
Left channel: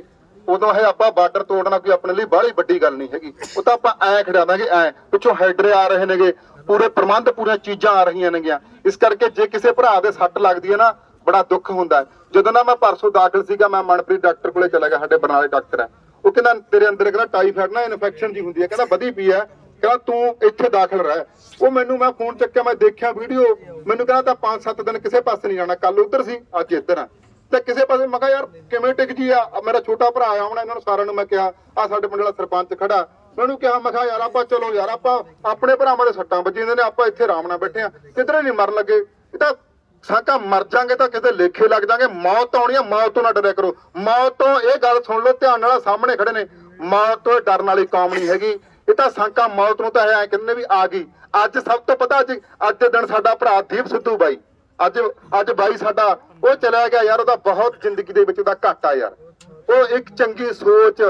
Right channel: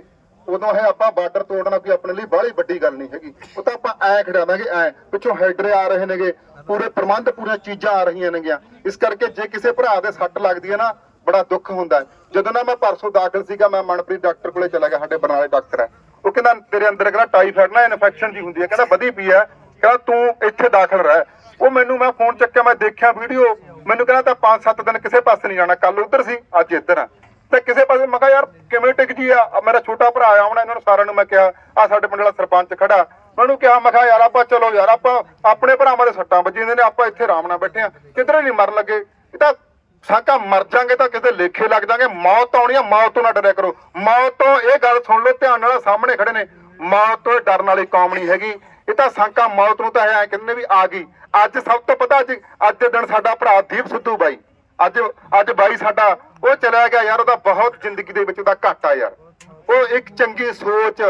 [SPEAKER 1] ਉਦੋਂ ਇਹ ਆਪਾਂ ਬਾਰਡਰ ਤੋੜਨਾ ਕੋਈ ਆਪਣੇ ਲਈ ਬੜੀ ਵੱਡੀ ਗੱਲ ਨਹੀਂ ਹੈਗੀ ਉਹ ਤਾਂ ਆਪਾਂ ਐ ਖੜਾਵਾਂਗੇ ਐ ਪਿੱਛੋਂ ਹੈਡਰ ਆ ਰਹੇ ਨੇਗੇ ਪੂਰੇ ਪ੍ਰਬੰਧ ਪੂਰੀਆਂ ਚੀਜ਼ਾਂ ਆ ਰਹੀਆਂ ਨੇਗੀਆਂ ਇਸ ਕਰਕੇ ਜੇ ਕਿਸੇ ਭਰਾ ਦੇ ਸੱਟ ਲੱਗਦੀ ਹੈ ਨਾ ਬੜਾ ਦੁੱਖ ਹੁੰਦਾ ਜਦੋਂ ਨਾ ਮੈਂ ਪਰਸੋਂ ਦਾਖਲ ਸੀਗਾ ਮੈਂ ਮਨਪ੍ਰੀਤ ਡਾਕਟਰ ਕੋਲੇ ਚਲਾ ਗਿਆ ਸਾਡੇ ਬਰਨਾਲੇ ਡਾਕਟਰ ਹੈ ਉਹ ਕਹਿੰਦਾ ਤੇਰੇ ਅੰਦਰ ਕਹਿੰਦਾ ਟਾਈਫਾਇਡ ਨਾ ਇਨਫੈਕਸ਼ਨ ਜੀ ਹੁੰਦੀ ਹੈ ਕਹਿੰਦਾ ਵਧੀ ਪਈ ਹੈ ਕਹਿੰਦਾ ਤੂੰ ਇੱਥੇ ਦਾਖਲ ਰਹਿ ਉਹ ਮੈਨੂੰ ਮੈਂ ਫੋਨ ਚੱਕਿਆ ਮੈਂ ਦੇਖਿਆ ਵੀਡੀਓ ਮੈਨੂੰ ਕਹਿੰਦਾ ਤਾਂ 5-7 ਦਿਨ ਕਿਸੇ ਪਾਸੇ ਨਹੀਂ ਜਾਣਾ ਕੱਲ ਉੱਧਰ ਸੀ ਅੱਜ ਇੱਧਰ ਆ ਤੇ ਕਿਸੇ ਪਾਸੇ ਮੈਂ ਕਿਹਾ ਯਾਰ ਕਿਵੇਂ ਟਿਕ ਜੀ ਆ ਮੇਰਾ ਛੋਟਾ ਭਰਾ ਆਇਆ ਹੁਣ ਇਹਨਾਂ ਨੂੰ ਸਾਰਿਆਂ ਨੂੰ ਮੈਂ ਕਿਹਾ ਆ ਸਾਡੇ ਪਿੰਡ ਵਾਲਾ ਸਰਪੰਚ ਖੜਾ ਮੈਨੂੰ ਕਿਹਾ ਮੈਂ ਕਿਹਾ ਯਾਰ ਆਪਾਂ ਚਲੋ ਯਾਰ ਆਪਾਂ ਆਪਣੇ ਭਰਾਵਾਂ ਦੇ ਸੱਟਾਂ ਵੱਜੀਆਂ ਨੇ ਆਪਾਂ ਇੱਥੇ ਆਰਾਮ ਨਾਲ ਬੈਠੇ ਆ ਕਿਧਰੇ ਨਹੀਂ ਮਰਨ ਲੱਗੇ ਇਹ ਤਾਂ ਸਾਕਾ ਮਰ ਜਾਗੇ ਤਾਂ ਕਿਸੇ ਲੇਖੇ ਲੱਗ ਜਾਗੇ ਮੌਤ ਆਉਣੀ ਆ ਮੌਤ ਤੋਂ ਨਾ ਡਰਿਆ ਕਰੋ ਮੌਤ ਤੋਂ ਇਹ ਗੱਲ ਸੁਣ ਲਓ ਧਿਆਨ ਨਾਲ ਸਾਹਮਣੇ ਖੜੇ ਨੇ ਮੌਤ ਤੋਂ ਡਰਨ ਵਾਲੀ ਕੌਮ ਨਹੀਂ ਹੈਗੀ ਇਹ ਤਾਂ ਸਾਂਕਾ ਮੌਤ ਨੂੰ ਤਾਂ ਐ ਕਿੰਨੇ ਵੀ ਆ ਗਈ ਅੱਜ ਸਭ ਤੋਂ ਪਤਾ ਅੱਜ ਅੱਜ ਦੇ ਦਿਨ ਸਾਡਾ ਭਰਾ ਦੀਪ ਸਿੱਧੂ ਬਾਈ ਅੱਜ ਅੱਜ ਬਾਈ ਸਾਡਾ ਉਹ ਚਲਾ ਗਿਆ ਯਾਰ ਉਹਦਾ ਬਹੁਤ ਜ਼ਿੰਦਗੀ ਦੇ ਵਿੱਚ ਉਹਦਾ ਘਾਟਾ ਯਾਰ ਉਹ ਇੱਕ ਚੰਗੀ ਸੋਚ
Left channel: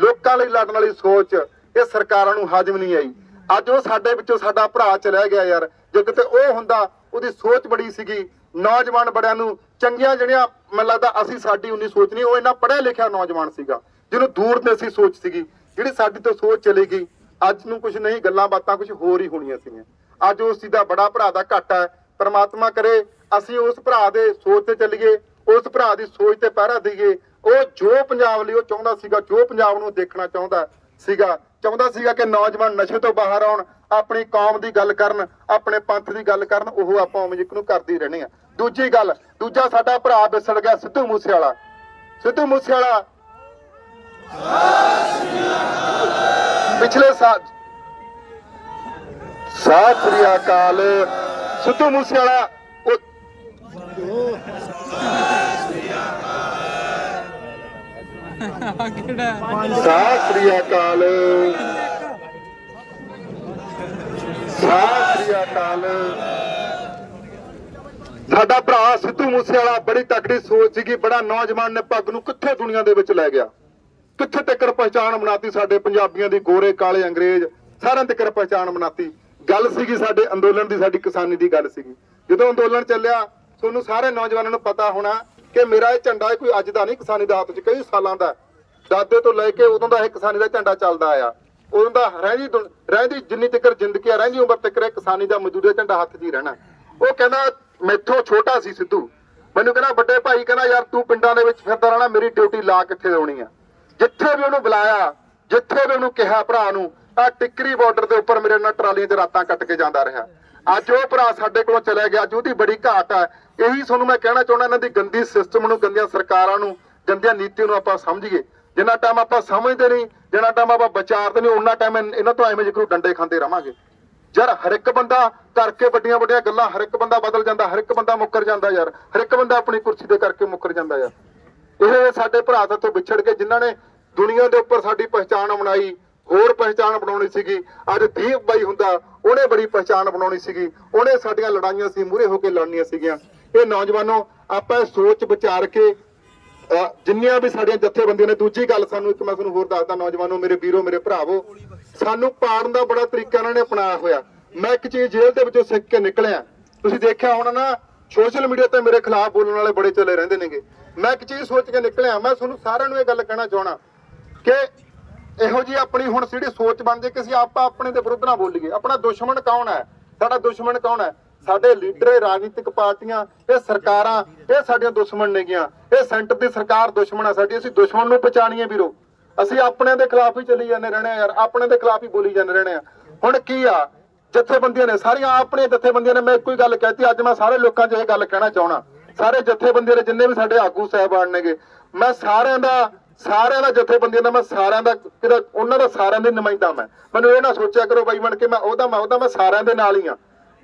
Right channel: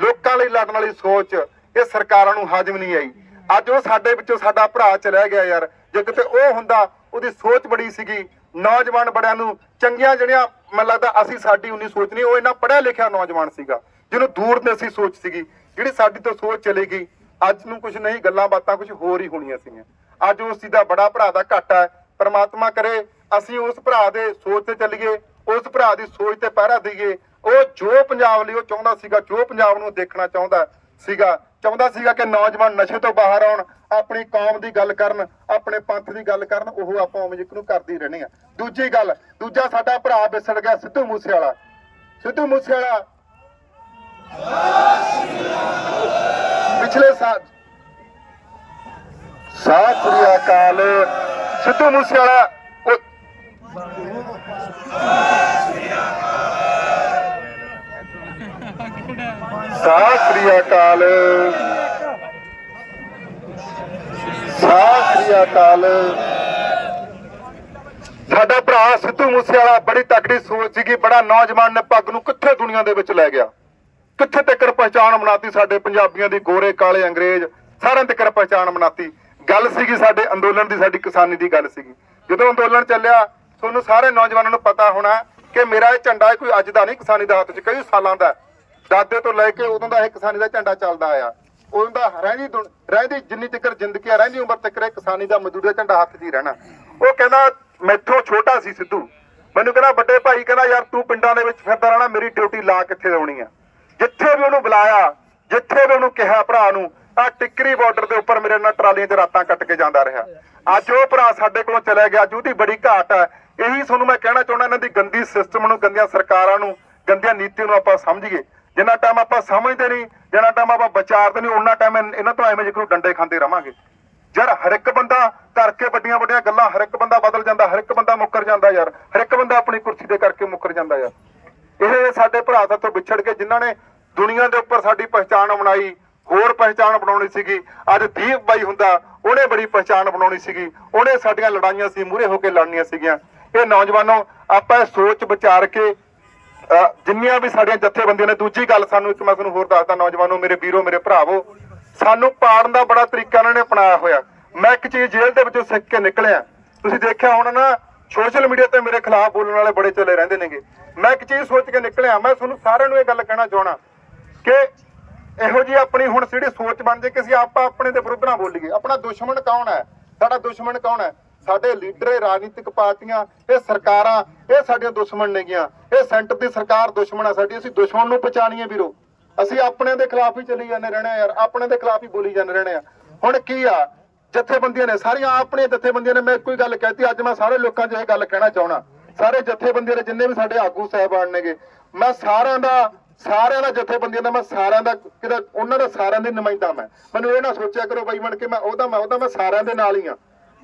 [SPEAKER 1] ਲੋਕਾਂ ਲਈ ਲੜਨ ਵਾਲੀ ਸੋਚ ਇਹ ਸਰਕਾਰਾਂ ਨੂੰ ਹਾਜ਼ਮ ਨਹੀਂ ਆਈ ਅੱਜ ਉਹ ਸਾਡੇ ਵਿੱਚੋਂ ਸਾਡਾ ਭਰਾ ਚਲਾ ਗਿਆ ਯਾਰ ਜੇ ਕਿਤੇ ਉਹ ਹੁੰਦਾ ਉਹਦੀ ਸੋਚ ਬੜੀ ਸੀਗੀ ਨੌਜਵਾਨ ਬੜਿਆਂ ਨੂੰ ਚੰਗੀਆਂ ਜਿਹੜੀਆਂ ਮੈਨੂੰ ਲੱਗਦਾ ਅਸੀਂ ਸਾਡੀ ਉਨੀ ਸੋਚ ਨਹੀਂ ਉਹ ਇਹਨਾਂ ਪੜਿਆ ਲਿਖਿਆ ਨੌਜਵਾਨ ਸੀਗਾ ਜਿਹਨੂੰ ਦੂਰ ਦੀ ਅਸੀਂ ਸੋਚ ਸੀਗੀ ਜਿਹੜੀ ਸਾਡੀ ਤੋਂ ਸੋਚ ਚਲੇ ਗਈ ਅੱਜ ਨੂੰ ਕੁਝ ਨਹੀਂ ਗੱਲਾਂ ਬਾਤਾਂ ਕੁਝ ਹੋਰ ਹੀ ਹੋਣੀਆਂ ਸੀਗੀਆਂ ਅੱਜ ਉਸ ਦੀ ਦਾ ਬੜਾ ਭਰਾ ਦਾ ਘਾਟਾ ਹੈ ਪਰਮਾਤਮਾ ਕਰੇ ਅਸੀਂ ਉਸ ਭਰਾ ਦੇ ਸੋਚ ਤੇ ਚੱਲੀਏ ਉਸ ਭਰਾ ਦੀ ਸੋਚ ਤੇ ਪਹਿਰਾ ਦਈਏ ਉਹ ਜੋ ਪੰਜਾਬ ਲਈ ਉਹ ਚਾਹੁੰਦਾ ਸੀਗਾ ਜੋ ਪੰਜਾਬ ਨੂੰ ਦੇਖਣਾ ਚਾਹੁੰਦਾ ਸੀਗਾ ਚਾਹੁੰਦਾ ਸੀਗਾ ਕਿ ਨੌਜਵਾਨ ਨਸ਼ੇ ਤੋਂ ਬਾਹਰ ਆਉਣ ਆਪਣੀ ਕੌਮ ਦੀ ਗੱਲ ਕਰਨ ਆਪਣੇ ਪੰਥ ਦੀ ਗੱਲ ਕਰਨ ਉਹ ਆਪਾਂ ਉਵੇਂ ਜਿੱਕ ਨੂੰ ਕਰਦੇ ਰਹਿਣੇ ਆ ਦੂਜੀ ਗੱਲ ਦੂਜਾ ਸਾਡਾ ਭਰਾ ਵਿਸੜ ਗਿਆ ਸਿੱਧੂ ਮੂਸੇ ਵਾਲਾ ਸਿੱਧੂ ਮੂਸੇ ਵਾਲਾ ਪਿਛਲੇ ਸਾਲ ਸਾਤ ਸ੍ਰੀ ਅਕਾਲ ਸਿੱਧੂ ਮੂਸੇ ਵਾਲਾ ਸਤਿ ਸ੍ਰੀ ਅਕਾਲ ਅਕਾਲ ਸਾਡਾ ਭਰਾ ਸਿੱਧੂ ਮੂਸੇਵਾਲਾ ਬੜੀ ਤਕੜੀ ਸੋਚ ਸੀਗੀ ਬੜਾ ਨੌਜਵਾਨ ਨੇ ਪੱਗ ਨੂੰ ਕਿੱਥੇ ਦੁਨੀਆ ਦੇ ਵਿੱਚ ਲੈ ਗਿਆ ਕਿੱਥੇ ਤੱਕ ਪਛਾਣ ਬਣਾਤੀ ਸਾਡੇ ਪੰਜਾਬੀਆਂ ਦੀ ਗੋਰੇ ਕਾਲੇ ਅੰਗਰੇਜ਼ ਸਾਰਿਆਂ ਤੱਕ ਪਛਾਣ ਬਣਾਤੀ ਗੱਲ ਸੀਗੀ ਸਾਡੇ ਅੰਦੋਲਨ ਦੀ ਸਾਡੀ ਕਿਸਾਨੀ ਦੀ ਗੱਲ ਸੀਗੀ ਜਦੋਂ ਅੰਦੋਲਨ ਚੱਲਿਆ ਤੁਹਾਨੂੰ ਸਾਰੇ ਨੌਜਵਾਨਾਂ ਨੂੰ ਪਤਾ ਹੋਣਾ ਕਿ ਮੇਰਾ ਇਹ ਝੰਡਾ ਕੋਈ ਅੱਜ ਦਾ ਨਹੀਂ ਕਿਸਾਨੀ ਦਾ ਹੱਥ 'ਚ ਕਈ ਸਾਲਾਂ ਦਾ ਦਾਦੇ ਤੋਂ ਲੈ ਕੇ ਉਦੋਂ ਦਾ ਇਹ ਕਿਸਾਨੀ ਦਾ ਝੰਡਾ ਚੱਲਦਾ ਆਇਆ ਉਹਦਾ ਰਹਿੰਦੀ ਰਹਿੰਦੀ ਜਿੰਨੀ ਤੱਕਰ ਜ਼ਿੰਦਗੀ ਆ ਰਹਿੰਦੀ ਉਮਰ ਤੱਕਰ ਕਿਸਾਨੀ ਦਾ ਮਜ਼ਦੂਰੀ ਦਾ ਝੰਡਾ ਹੱਥ 'ਚ ਹੀ ਰਹਿਣਾ ਉਹ ਕਹਿੰਦਾ ਮੈਥੋਂ ਛੋਟਾ ਸੀ ਸਿੱਧੂ ਮੈਨੂੰ ਕਹਿੰਦਾ ਵੱਡੇ ਭਾਈ ਕਹਿੰਦਾ ਯਾਰ ਤੂੰ ਪਿੰਡਾਂ ਦੇ ਵਿੱਚ ਫਿਰਦਾ ਰਹਿਣਾ ਮੇਰੀ ਡਿਊਟੀ ਲਾ ਕਿੱਥੇ ਹੋਣੀ ਆ ਜਿੱਥੇ ਵੀ ਉਹਨੂੰ ਬੁਲਾਇਆ ਜਿੱਥੇ ਵੀ ਉਹਨੂੰ ਕਿਹਾ ਭਰਾ ਨੂੰ ਆ ਟਿੱਕਰੀ ਬਾਰਡਰ ਦੇ ਉੱਪਰ ਮੇਰੇ ਨਾਲ ਟਰਾਲੀਆਂ ਤੇ ਰਾਤਾਂ ਕੱਟ ਕੇ ਜਾਂਦਾ ਰਿਹਾ ਅੱਜ ਉਹ ਭਰਾ ਸਾਡੇ ਕੋਲੋਂ ਚਲਾ ਗਿਆ ਅੱਜ ਉਹਦੀ ਬੜੀ ਘਾਟ ਹੈ ਇਹੀ ਤੁਹਾਨੂੰ ਮੈਂ ਕਹਿਣਾ ਚਾਹੁੰਦਾ ਇਹਨਾਂ ਦੀ ਗੰਦੀ ਸਿਸਟਮ ਨੂੰ ਗੰਦੀਆਂ ਸਰਕਾਰਾਂ ਨੂੰ ਗੰਦੀਆਂ ਨੀਤੀਆਂ ਨੂੰ ਆਪਾਂ ਸਮਝੀਏ ਜਿੰਨਾ ਟਾਈਮ ਆਪਾਂ ਸਮਝਦੇ ਨਹੀਂ ਜਿੰਨਾ ਟਾਈਮ ਆਪਾਂ ਵਿਚਾਰਦੇ ਨਹੀਂ ਉਹਨਾਂ ਟਾਈਮ ਇਹਨਾਂ ਤੋਂ ਐਵੇਂ ਜਿਕਰੂ ਡੰਡੇ ਖਾਂਦੇ ਰਵਾਂਗੇ ਯਾਰ ਹਰ ਇੱਕ ਬੰਦਾ ਕਰਕੇ ਵੱਡੀਆਂ ਵੱਡੀਆਂ ਗੱਲਾਂ ਹਰ ਇੱਕ ਬੰਦਾ ਬਦਲ ਜਾਂਦਾ ਹਰ ਇੱਕ ਬੰਦਾ ਮੁੱਕਰ ਜਾਂਦਾ ਯਾਰ ਹਰ ਇੱਕ ਬੰਦਾ ਆਪਣੀ ਕੁਰਸੀ ਦੇ ਕਰਕੇ ਮੁੱਕਰ ਜਾਂਦਾ ਯਾਰ ਇਹ ਸਾਡੇ ਭਰਾ ਤੋਂ ਵਿਛੜ ਕੇ ਜਿਨ੍ਹਾਂ ਨੇ ਦੁਨੀਆ ਦੇ ਉੱਪਰ ਸਾਡੀ ਪਛਾਣ ਬਣਾਈ ਹੋਰ ਪਛਾਣ ਬਣਾਉਣੀ ਸੀਗੀ ਅੱਜ ਦੀਪ ਬਾਈ ਹੁੰਦਾ ਉਹਨੇ ਬੜੀ ਪਛਾਣ ਬਣਾਉਣੀ ਸੀਗੀ ਉਹਨੇ ਸਾਡੀਆਂ ਲੜਾਈਆਂ ਸੀ ਮੂਰੇ ਹੋ ਕੇ ਲੜਨੀਆਂ ਸੀਗੀਆਂ ਇਹ ਨੌਜਵਾਨੋ ਆਪਾਂ ਸੋਚ ਵਿਚਾਰ ਕੇ ਜਿੰਨੀਆਂ ਵੀ ਸਾਡੀਆਂ ਜਥੇਬੰਦੀਆਂ ਨੇ ਦੂਜੀ ਗੱਲ ਸਾਨੂੰ ਇੱਕ ਮੈਂ ਤੁਹਾਨੂੰ ਹੋਰ ਦੱਸਦਾ ਨੌਜਵਾਨੋ ਮੇਰੇ ਵੀਰੋ ਮੇਰੇ ਭਰਾਵੋ ਸਾਨੂੰ ਪਾੜਨ ਦਾ ਬੜਾ ਤਰੀਕਾ ਇਹਨਾਂ ਨੇ ਅਪਣਾਇਆ ਹੋਇਆ ਮੈਂ ਇੱਕ ਚੀਜ਼ ਜੇਲ੍ਹ ਦੇ ਵਿੱਚੋਂ ਸਿੱਖ ਕੇ ਨਿਕਲਿਆ ਤੁਸੀਂ ਦੇਖਿਆ ਹੋਣਾ ਨਾ ਸੋਸ਼ਲ ਮੀਡੀਆ ਤੇ ਮੇਰੇ ਖਿਲਾਫ ਬੋਲਣ ਵਾਲੇ ਬੜੇ ਚਲੇ ਰਹਿੰਦੇ ਨੇਗੇ ਮੈਂ ਇੱਕ ਚੀਜ਼ ਸੋਚ ਕੇ ਨਿਕਲਿਆ ਮੈਂ ਤੁਹਾਨੂੰ ਸਾਰਿਆਂ ਨੂੰ ਇਹ ਗੱਲ ਕਹਿਣਾ ਚਾਹਣਾ ਕਿ ਇਹੋ ਜੀ ਆਪਣੀ ਹੁਣ ਜਿਹੜੀ ਸੋਚ ਬਣ ਜੇ ਕਿ ਅਸੀਂ ਆਪਾਂ ਆਪਣੇ ਦੇ ਵਿਰੁੱਧ ਨਾ ਬੋਲੀਏ ਆਪਣਾ ਦੁਸ਼ਮਣ ਕੌਣ ਹੈ ਸਾਡਾ ਦੁਸ਼ਮਣ ਕੌਣ ਹੈ ਸਾਡੇ ਲੀਡਰ ਇਹ ਰਾਜਨੀਤਿਕ ਪਾਰਟੀਆਂ ਇਹ ਸਰਕਾਰਾਂ ਇਹ ਸਾਡੀਆਂ ਦੁਸ਼ਮਣ ਨੇਗੀਆਂ ਇਹ ਸੈਂਟਰ ਦੀ ਸਰਕਾਰ ਦੁਸ਼ਮਣ ਆ ਸਾਡੀ ਅਸੀਂ ਦੁਸ਼ਮਣ ਨੂੰ ਪਛਾਣੀਏ ਵੀਰੋ ਅਸੀਂ ਆਪਣੇ ਦੇ ਖਿਲਾਫ ਹੀ ਚੱਲੀ ਜਾਂਦੇ ਰਹਿਣਾ ਯਾਰ ਆਪਣੇ ਦੇ ਖਿਲਾਫ ਹੀ ਬੋਲੀ ਜਾਂਦੇ ਰਹਿਣੇ ਆ ਹੁਣ ਕੀ ਆ ਜਥੇਬੰਦੀਆਂ ਨੇ ਸਾਰੀਆਂ ਆਪਣੇ ਜਥੇਬੰਦੀਆਂ ਨੇ ਮੈਂ ਇੱਕੋ ਹੀ ਗੱਲ ਕਹਿਤੀ ਅੱਜ ਮੈਂ ਸਾਰੇ ਲੋਕਾਂ 'ਚ ਇਹ ਗੱਲ ਕਹਿਣਾ ਚਾਹਣਾ ਸਾਰੇ ਜਥੇਬੰਦੀਆਂ ਦੇ ਜਿੰਨੇ ਵੀ ਸਾਡੇ ਆਗੂ ਸਹਿਬਾਨ ਨੇਗੇ ਮੈਂ ਸਾਰਿਆਂ ਦਾ ਸਾਰਿਆਂ ਦਾ ਜਥੇਬੰਦੀਆਂ ਦਾ ਮੈਂ ਸਾਰਿਆਂ ਦਾ ਕਿਹਦਾ ਉਹਨਾਂ ਦਾ ਸਾਰਿਆਂ ਦੇ ਨੁਮਾਇੰਦਾ ਮੈਂ ਮੈਨੂੰ ਇਹ ਨਾ ਸੋਚਿਆ ਕਰੋ ਬਾਈ ਬਣ ਕੇ ਮੈਂ ਉਹਦਾ ਮੈਂ ਉਹਦਾ ਮੈਂ ਸਾਰਿਆਂ ਦੇ ਨਾਲ ਹੀ ਆ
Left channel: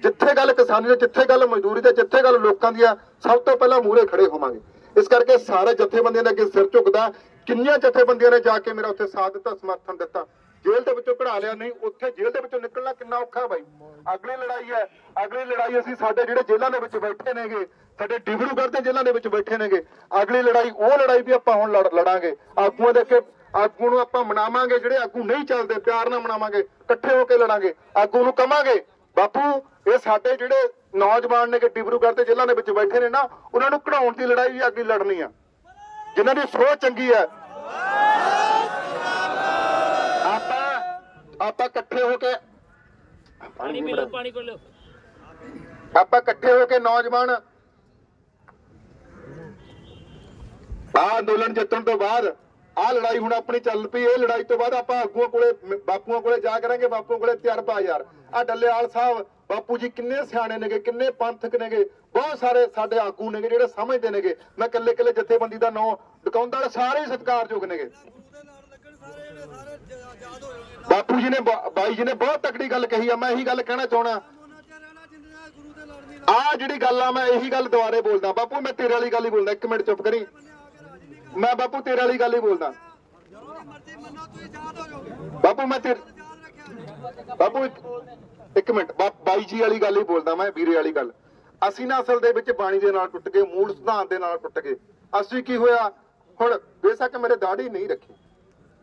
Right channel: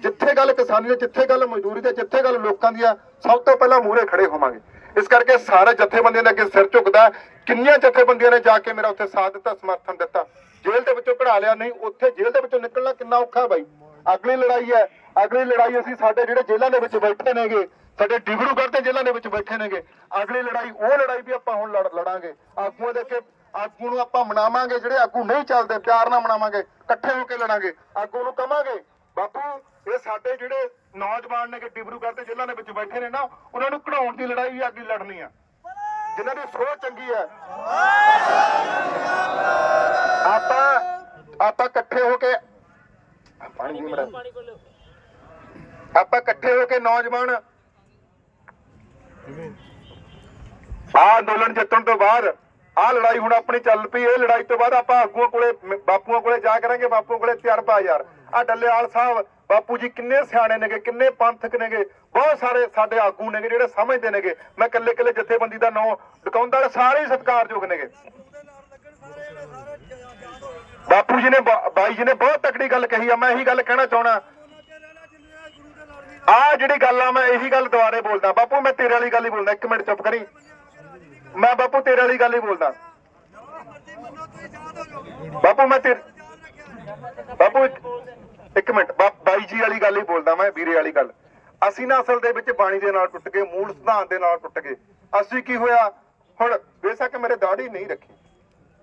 [SPEAKER 1] ਜਿੱਥੇ ਗੱਲ ਕਿਸਾਨੀ ਦੀ ਜਿੱਥੇ ਗੱਲ ਮਜ਼ਦੂਰੀ ਦੀ ਜਿੱਥੇ ਗੱਲ ਲੋਕਾਂ ਦੀ ਆ ਸਭ ਤੋਂ ਪਹਿਲਾਂ ਮੂਹਰੇ ਖੜੇ ਹੋਵਾਂਗੇ ਇਸ ਕਰਕੇ ਸਾਰੇ ਜਥੇਬੰਦੀਆਂ ਦੇ ਅੱਗੇ ਸਿਰ ਝੁਕਦਾ ਕਿੰਨੀਆਂ ਜਥੇਬੰਦੀਆਂ ਨੇ ਜਾ ਕੇ ਮੇਰਾ ਉੱਥੇ ਸਾਥ ਦਿੱਤਾ ਸਮਰਥਨ ਦਿੱਤਾ ਜੇਲ੍ਹ ਦੇ ਵਿੱਚੋਂ ਕਢਾ ਲਿਆ ਨਹੀਂ ਉੱਥੇ ਜੇਲ੍ਹ ਦੇ ਵਿੱਚੋਂ ਨਿਕਲਣਾ ਕਿੰਨਾ ਔਖਾ ਹੈ ਬਾਈ ਅਗਲੀ ਲੜਾਈ ਹੈ ਅਗਲੀ ਲੜਾਈ ਅਸੀਂ ਸਾਡੇ ਜਿਹੜੇ ਜੇਲ੍ਹਾਂ ਦੇ ਵਿੱਚ ਬੈਠੇ ਨੇਗੇ ਸਾਡੇ ਡਿਬਰੂਗੜ੍ਹ ਦੇ ਜੇਲ੍ਹਾਂ ਦੇ ਵਿੱਚ ਬੈਠੇ ਨੇਗੇ ਅਗਲੀ ਲੜਾਈ ਉਹ ਲੜਾਈ ਵੀ ਆਪਾਂ ਹੁਣ ਲੜ ਲੜਾਂਗੇ ਆਗੂਆਂ ਦੇ ਅੱਗੇ ਆਗੂ ਨੂੰ ਆਪਾਂ ਮਨਾਵਾਂਗੇ ਜਿਹੜੇ ਆਗੂ ਨਹੀਂ ਚੱਲਦੇ ਪਿਆਰ ਨਾਲ ਮਨਾਵਾਂਗੇ ਇਕੱਠੇ ਹੋ ਕੇ ਲੜਾਂਗੇ ਆਗੂ ਨੂੰ ਕਵਾਂਗੇ ਬਾਪੂ ਇਹ ਸਾਡੇ ਜਿਹੜੇ ਨੌਜਵਾਨ ਨੇ ਕਿ ਡਿਬਰੂਗੜ੍ਹ ਦੇ ਜ਼ਿਲ੍ਹਾ ਦੇ ਵਿੱਚ ਬੈਠੇ ਨੇ ਨਾ ਉਹਨਾਂ ਨੂੰ ਕਢਾਉਣ ਦੀ ਲੜਾਈ ਅੱਗੇ ਲੜਨੀ ਆ ਜਿਨ੍ਹਾਂ ਦੀ ਸੋਚ ਚੰਗੀ ਹੈ ਆਪਾਂ ਆਪਾਂ ਇਕੱਠੇ ਹੋ ਕੇ ਪਾਣੀ ਪੀ ਮੜਾ ਆਪਾਂ ਇਕੱਠੇ ਹੋ ਕੇ ਨੌਜਵਾਨ ਆ ਅੰਦੋਲਨ ਜਿੱਤਣ ਤੋਂ ਬਾਅਦ ਆ ਲੜਾਈ ਹੁਣ ਆਪਣੀ ਚੱਲ ਪਈ ਇਹ ਲੜਾਈ ਤੋਂ ਬਾਅਦ ਆਪਾਂ ਆਗੂਆਂ ਕੋਲੇ ਬਾਪੂਆਂ ਕੋਲੇ ਜਾ ਕਰਾਂਗੇ ਬਾਪੂਆਂ ਕੋਲੇ ਤਿਆਰ ਪਾ ਯਾਰ ਆ ਡੱਲੇਵਾਲ ਸਾਹਿਬ ਬਾਪੂ ਜੀ ਕਿੰਨੇ ਸਿਆਣੇ ਨੇਗੇ ਕਿੰਨੇ ਪੰਥਕ ਨੇਗੇ ਬਹੁਤ ਸਾਰੇ ਸਾਡੇ ਆਗੂ ਨੇਗੇ ਜਿਹੜੇ ਸਮਝਦੇ ਨੇਗੇ ਮੈਂ ਕੱਲੇ ਕੱਲੇ ਜਥੇਬੰਦੀ ਦਾ ਨਾਮ ਡਕਾਉਂਦਾ ਸਾਰੇ ਸਤਿਕਾਰਯੋਗ ਨੇਗੇ ਬਾਪੂ ਜੀ ਨੇ ਬਾਈ ਜੀ ਨੇ ਬਹੁਤ ਤਕੜੀ ਗੱਲ ਕਹੀ ਆ ਮੈਂ ਇਹੀ ਗੱਲ ਕਹਿਣਾ ਚਾਹਣਾ ਆ ਜਿਹੜੀ ਗੱਲ ਆ ਮੈਂ ਇਹੀ ਗੱਲ ਦੁਬਾਰੇ ਬੋਲਦਾ ਬਾਪੂ ਮੈਂ ਤੇਰੇ ਵਾਲੀ ਗੱਲ ਹੀ ਬੋਲਦਾ ਇੱਕ ਮਿੰਟ ਚੁੱਪ ਕਰੀ ਮੈਂ ਬਾਪੂ ਤੇਰੇ ਵਾਲੀ ਗੱਲ ਹੀ ਬੋਲਦਾ ਬਾਪੂ ਮੈਂ ਤੇਰੇ ਬਾਬੂ ਇੱਕ ਮਿੰਟ ਬਾਈ ਜੀ ਵਾਲੀ ਗੱਲ ਹੀ ਬੋਲਦਾ ਮੈਂ ਵੀਰੇ ਵਾਲੀ ਗੱਲ ਅਸੀਂ ਨਾ ਅਸਲ ਦੇ ਵਿੱਚ ਬਾਣੀ ਦੇ ਨਾਲ ਟੁੱਟ ਗਏ ਮੂਲ ਸਿਧਾਂਤ ਦੇ ਨਾਲ ਟੁੱਟ ਗਏ ਅਸੀਂ ਕੀ ਹੋਇਆ ਹੁਣ ਬੇਸ਼ੱਕ ਮੇਰੇ ਦਾੜੀ ਨਹੀਂ ਰੱਖੀ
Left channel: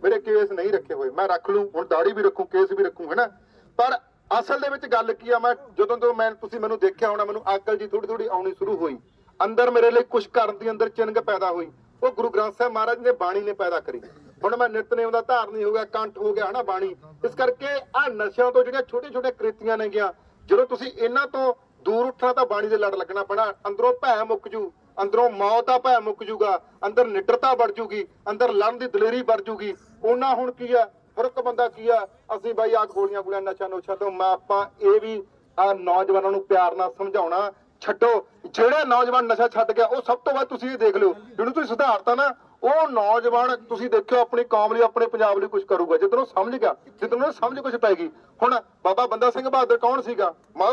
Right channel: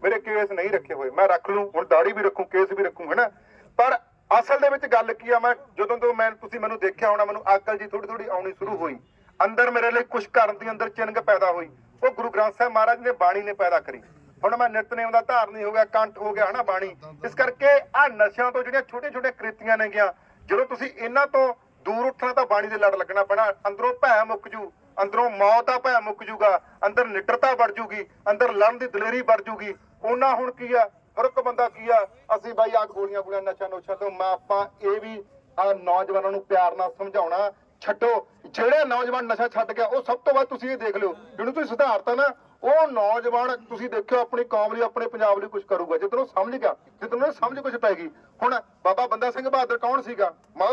[SPEAKER 1] ਮੇਰੇ ਕੇਸ ਨਹੀਂ ਰੱਖੇ ਹੋਏ ਮੈਂ ਰੱਖ ਲੂ ਹੁਣ ਦਾੜੀ ਵੀ ਰੱਖੂ ਕੇਸ ਵੀ ਰੱਖੂ ਹੈਨਾ ਪਰ ਅਸਲ ਦੇ ਵਿੱਚ ਗੱਲ ਕੀ ਆ ਮੈਂ ਜਦੋਂ ਤੋਂ ਮੈਂ ਤੁਸੀਂ ਮੈਨੂੰ ਦੇਖਿਆ ਹੋਣਾ ਮੈਨੂੰ ਅਕਲ ਜੀ ਥੋੜੀ ਥੋੜੀ ਆਉਣੀ ਸ਼ੁਰੂ ਹੋਈ ਅੰਦਰ ਮੇਰੇ ਲਈ ਕੁਝ ਕਰਨ ਦੀ ਅੰਦਰ ਚਿੰਗ ਪੈਦਾ ਹੋਈ ਉਹ ਗੁਰੂ ਗ੍ਰੰਥ ਸਾਹਿਬ ਮਹਾਰਾਜ ਨੇ ਬਾਣੀ ਨੇ ਪੈਦਾ ਕਰੀ ਹੁਣ ਮੈਂ ਨਿਤਨੇਮ ਦਾ ਧਾਰਨੀ ਹੋ ਗਿਆ ਕੰਠ ਹੋ ਗਿਆ ਹਨਾ ਬਾਣੀ ਇਸ ਕਰਕੇ ਆ ਨਸ਼ਿਆਂ ਤੋਂ ਜਿਹੜੀਆਂ ਛੋਟੇ ਛੋਟੇ ਕ੍ਰਿਤੀਆਂ ਨੇ ਗਿਆ ਜਦੋਂ ਤੁਸੀਂ ਇਹਨਾਂ ਤੋਂ ਦੂਰ ਉੱਠਣਾ ਤਾਂ ਬਾਣੀ ਦੇ ਲੜ ਲੱਗਣਾ ਪੈਣਾ ਅੰਦਰੋਂ ਭੈ ਮੁੱਕ ਜੂ ਅੰਦਰੋਂ ਮੌਤ ਦਾ ਭੈ ਮੁੱਕ ਜੂਗਾ ਅੰਦਰ ਨਿਡਰਤਾ ਵੱਡ ਜੂਗੀ ਅੰਦਰ ਲੜਨ ਦੀ ਦਲੇਰੀ ਵੱਡ ਜੂਗੀ ਉਹਨਾਂ ਹੁਣ ਕੀ ਆ ਫਰਕ ਬੰਦਾ ਕੀ ਆ ਅਸੀਂ ਬਾਈ ਆ ਗੋਲੀਆਂ ਗੋਲੀਆਂ ਨਸ਼ਾ ਨੋਸ਼ਾ ਤੋਂ ਮੈਂ ਆਪਾਂ ਇਹ ਵੀ ਆ ਨੌਜਵਾਨਾਂ ਨੂੰ ਪਿਆਰ ਨਾਲ ਸਮਝਾਉਣਾ ਛੱਡੋ ਜਿਹੜਾ ਨੌਜਵਾਨ ਨਸ਼ਾ ਛੱਡ ਗਿਆ ਉਹ ਸਭ ਤੋਂ ਵੱਧ ਤੁਸੀਂ ਇਹ ਦੇਖ ਲਿਓ ਜਿਹਨੂੰ ਤੁਸੀਂ ਸੁਧਾਰਤਾ ਨਾ ਉਹ ਨੌਜਵਾਨ ਤੁਸੀਂ ਦੇਖਿਓ ਆਪਣੀ ਕੌਮ ਲਈ ਆਪਣੇ ਪੰਜਾਬ ਲਈ ਕੁਝ ਕਰੂਗਾ ਜਦੋਂ ਉਹ ਸਮਝ ਗਿਆ ਜਦੋਂ ਉਹਨੂੰ ਸਮਝ ਕੁਝ ਪੈ ਗਈ ਹੁਣ ਬਾਬਾ ਬੰਦਾ ਸਿੰਘ ਬਹਾਦਰ ਕੌਣ ਸੀਗਾ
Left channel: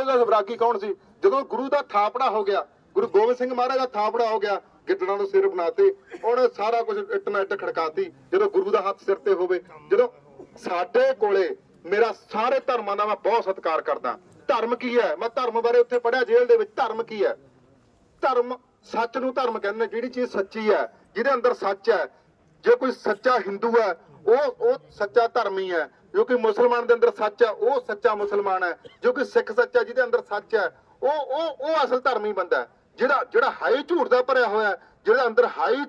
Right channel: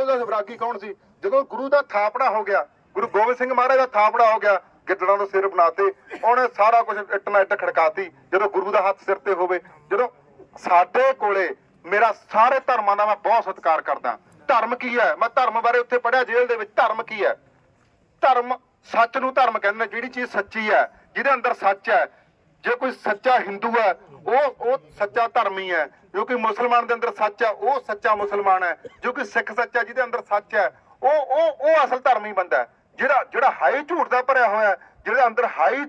[SPEAKER 1] ਦਾਸ ਵਿਰਾਗੀ ਕੌਣ ਸੀ ਜਦੋਂ ਗੁਰੂ ਦਾ ਥਾਪੜਾ ਹੋ ਗਿਆ ਗੁਰੂ ਗੋਬਿੰਦ ਸਿੰਘ ਮਹਾਰਾਜ ਦਾ ਥਾਪੜਾ ਹੋ ਗਿਆ ਗਿੱਦੜਾਂ ਨੂੰ ਸਿਰ ਬਣਾਤੇ ਉਹਨੇ ਸਾਰਾ ਕੁਝ ਇੱਟ ਨਾਲ ਇੱਟ ਖੜਕਾਤੀ ਜਦੋਂ ਗੁਰੂ ਦਾ ਹੱਥ ਸਿਰ ਤੇ ਹੋਵੇ ਜਦੋਂ ਸਾਡੇ ਕੋਲੇ ਮੇਰਾ ਸਾਰੇ ਧਰਮਾਂ ਦਾ ਮੈਂ ਬਹੁਤ ਸਤਿਕਾਰ ਕਰਦਾ ਧਰਮ ਕੀ ਹੈ ਮੈਂ ਧਰਮ ਬਾਰੇ ਉੱਥੇ ਪੜਿਆ ਜੇਲ੍ਹ ਦੇ ਵਿੱਚ ਧਰਮ ਕੀ ਹੈ ਧਰਮ ਸੱਚ ਨੂੰ ਧਰਮ ਕਹਿੰਦੇ ਨੇ ਜਿਹੜੀ ਚੀਜ਼ ਸੱਚੀ ਹੈ ਜਿਹਦੇ ਅੰਦਰ ਸੱਚ ਹੈ ਜੇ ਕੋਈ ਸੱਚਾ ਹਿੰਦੂ ਹੈ ਉਹ ਉਹ ਸੱਚਾ ਧਰਮੀ ਹੈ ਜੋ ਕਿ ਮੁਸਲਮਾਨ ਦੇ ਅੰਦਰ ਸੱਚ ਹੈ ਉਹ ਸੱਚਾ ਮੁਸਲਮਾਨ ਹੈ ਜੋ ਕਿ ਸਿੱਖ ਸੱਚਾ ਜਿਹਦੇ ਅੰਦਰ ਸੱਚ ਹੈ ਉਹ ਉਹ ਉਹ ਅਸਲ ਧਰਮੀ ਬੰਦਾ ਹੈ ਜਿਹੜਾ ਜਿਹੜਾ ਹਾਈ ਝੂਠ ਦਾ ਭਰਿਆ ਹੋਇਆ ਜਿਹਦੇ ਅੰਦਰ ਹਾਈ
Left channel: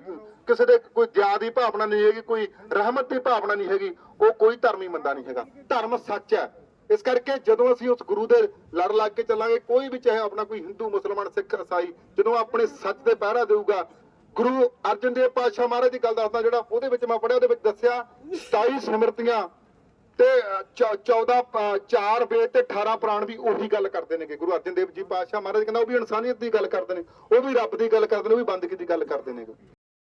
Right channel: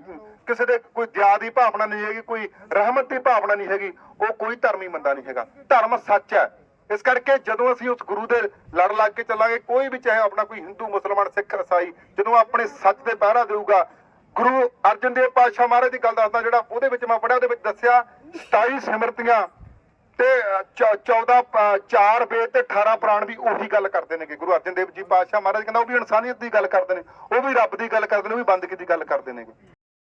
[SPEAKER 1] ਕਿਸੇ ਦੇ ਕੋਈ ਦਿਆ ਦੀ ਭਾਵਨਾ ਨਹੀਂ ਹੈਗੀ ਕੋਈ ਰਹਿਮਤ ਦੀ ਭਾਵਨਾ ਨਹੀਂ ਹੈਗੀ ਉਹ ਕੋਈ ਧਰਮੀ ਬੰਦਾ ਨਹੀਂ ਹੈਗਾ ਧਰਮ ਸੱਚ ਹੈ ਇਸ ਕਰਕੇ ਜਦੋਂ ਅਸੀਂ ਉਸ ਗੁਰੂ ਦੇ ਲੜ ਲੱਗ ਕੇ ਚੱਲਾਂਗੇ ਕੋਈ ਵੀ ਚਾਹੇ ਆਪਣਾ ਕੋਈ ਹਿੰਦੂ ਮੁਸਲਮਾਨ ਸਿੱਖ ਇਸਾਈ ਜਦੋਂ ਆਪਣੇ ਸੱਚ ਦੇ ਪਹਿਰਾ ਦੇਊਗਾ ਗੁਰੂ ਅਰਜਨ ਦੇਵ ਪਾਤਸ਼ਾਹ ਮਹਾਰਾਜ ਦੀ ਗੱਲ ਦੱਸਦਾ ਜਿਹੜਾ ਉਹਦੇ ਵਿੱਚ ਮੈਂ ਪੜਿਆ ਉਹਦੇ ਵਿੱਚ ਦੱਸਿਆ 27 ਸਿਮਰਤੀਆਂ ਤੇ 14 4 ਵੇਦ ਤੇ 18 ਪ੍ਰਾਣ ਵੀ ਉਹੀ ਗੱਲ ਕਰਦੇ ਨੇਗੇ ਗੁਰੂ ਅਰਜਨ ਦੇਵ ਜੀ ਪਾਤਸ਼ਾਹ ਮਹਾਰਾਜ ਕਹਿੰਦਾ ਉਹ ਵੀ ਇਨਸਾਨੀਅਤ ਦੀ ਗੱਲ ਕਰਦੇ ਨੇ ਉਹ ਵੀ ਰੱਬ ਦੀ ਗੱਲ ਕਰਦੇ ਨੇ ਉਹ ਵੀ ਬੰਦਗੀ ਦੀ ਗੱਲ ਕਰਦੇ ਨੇਗੇ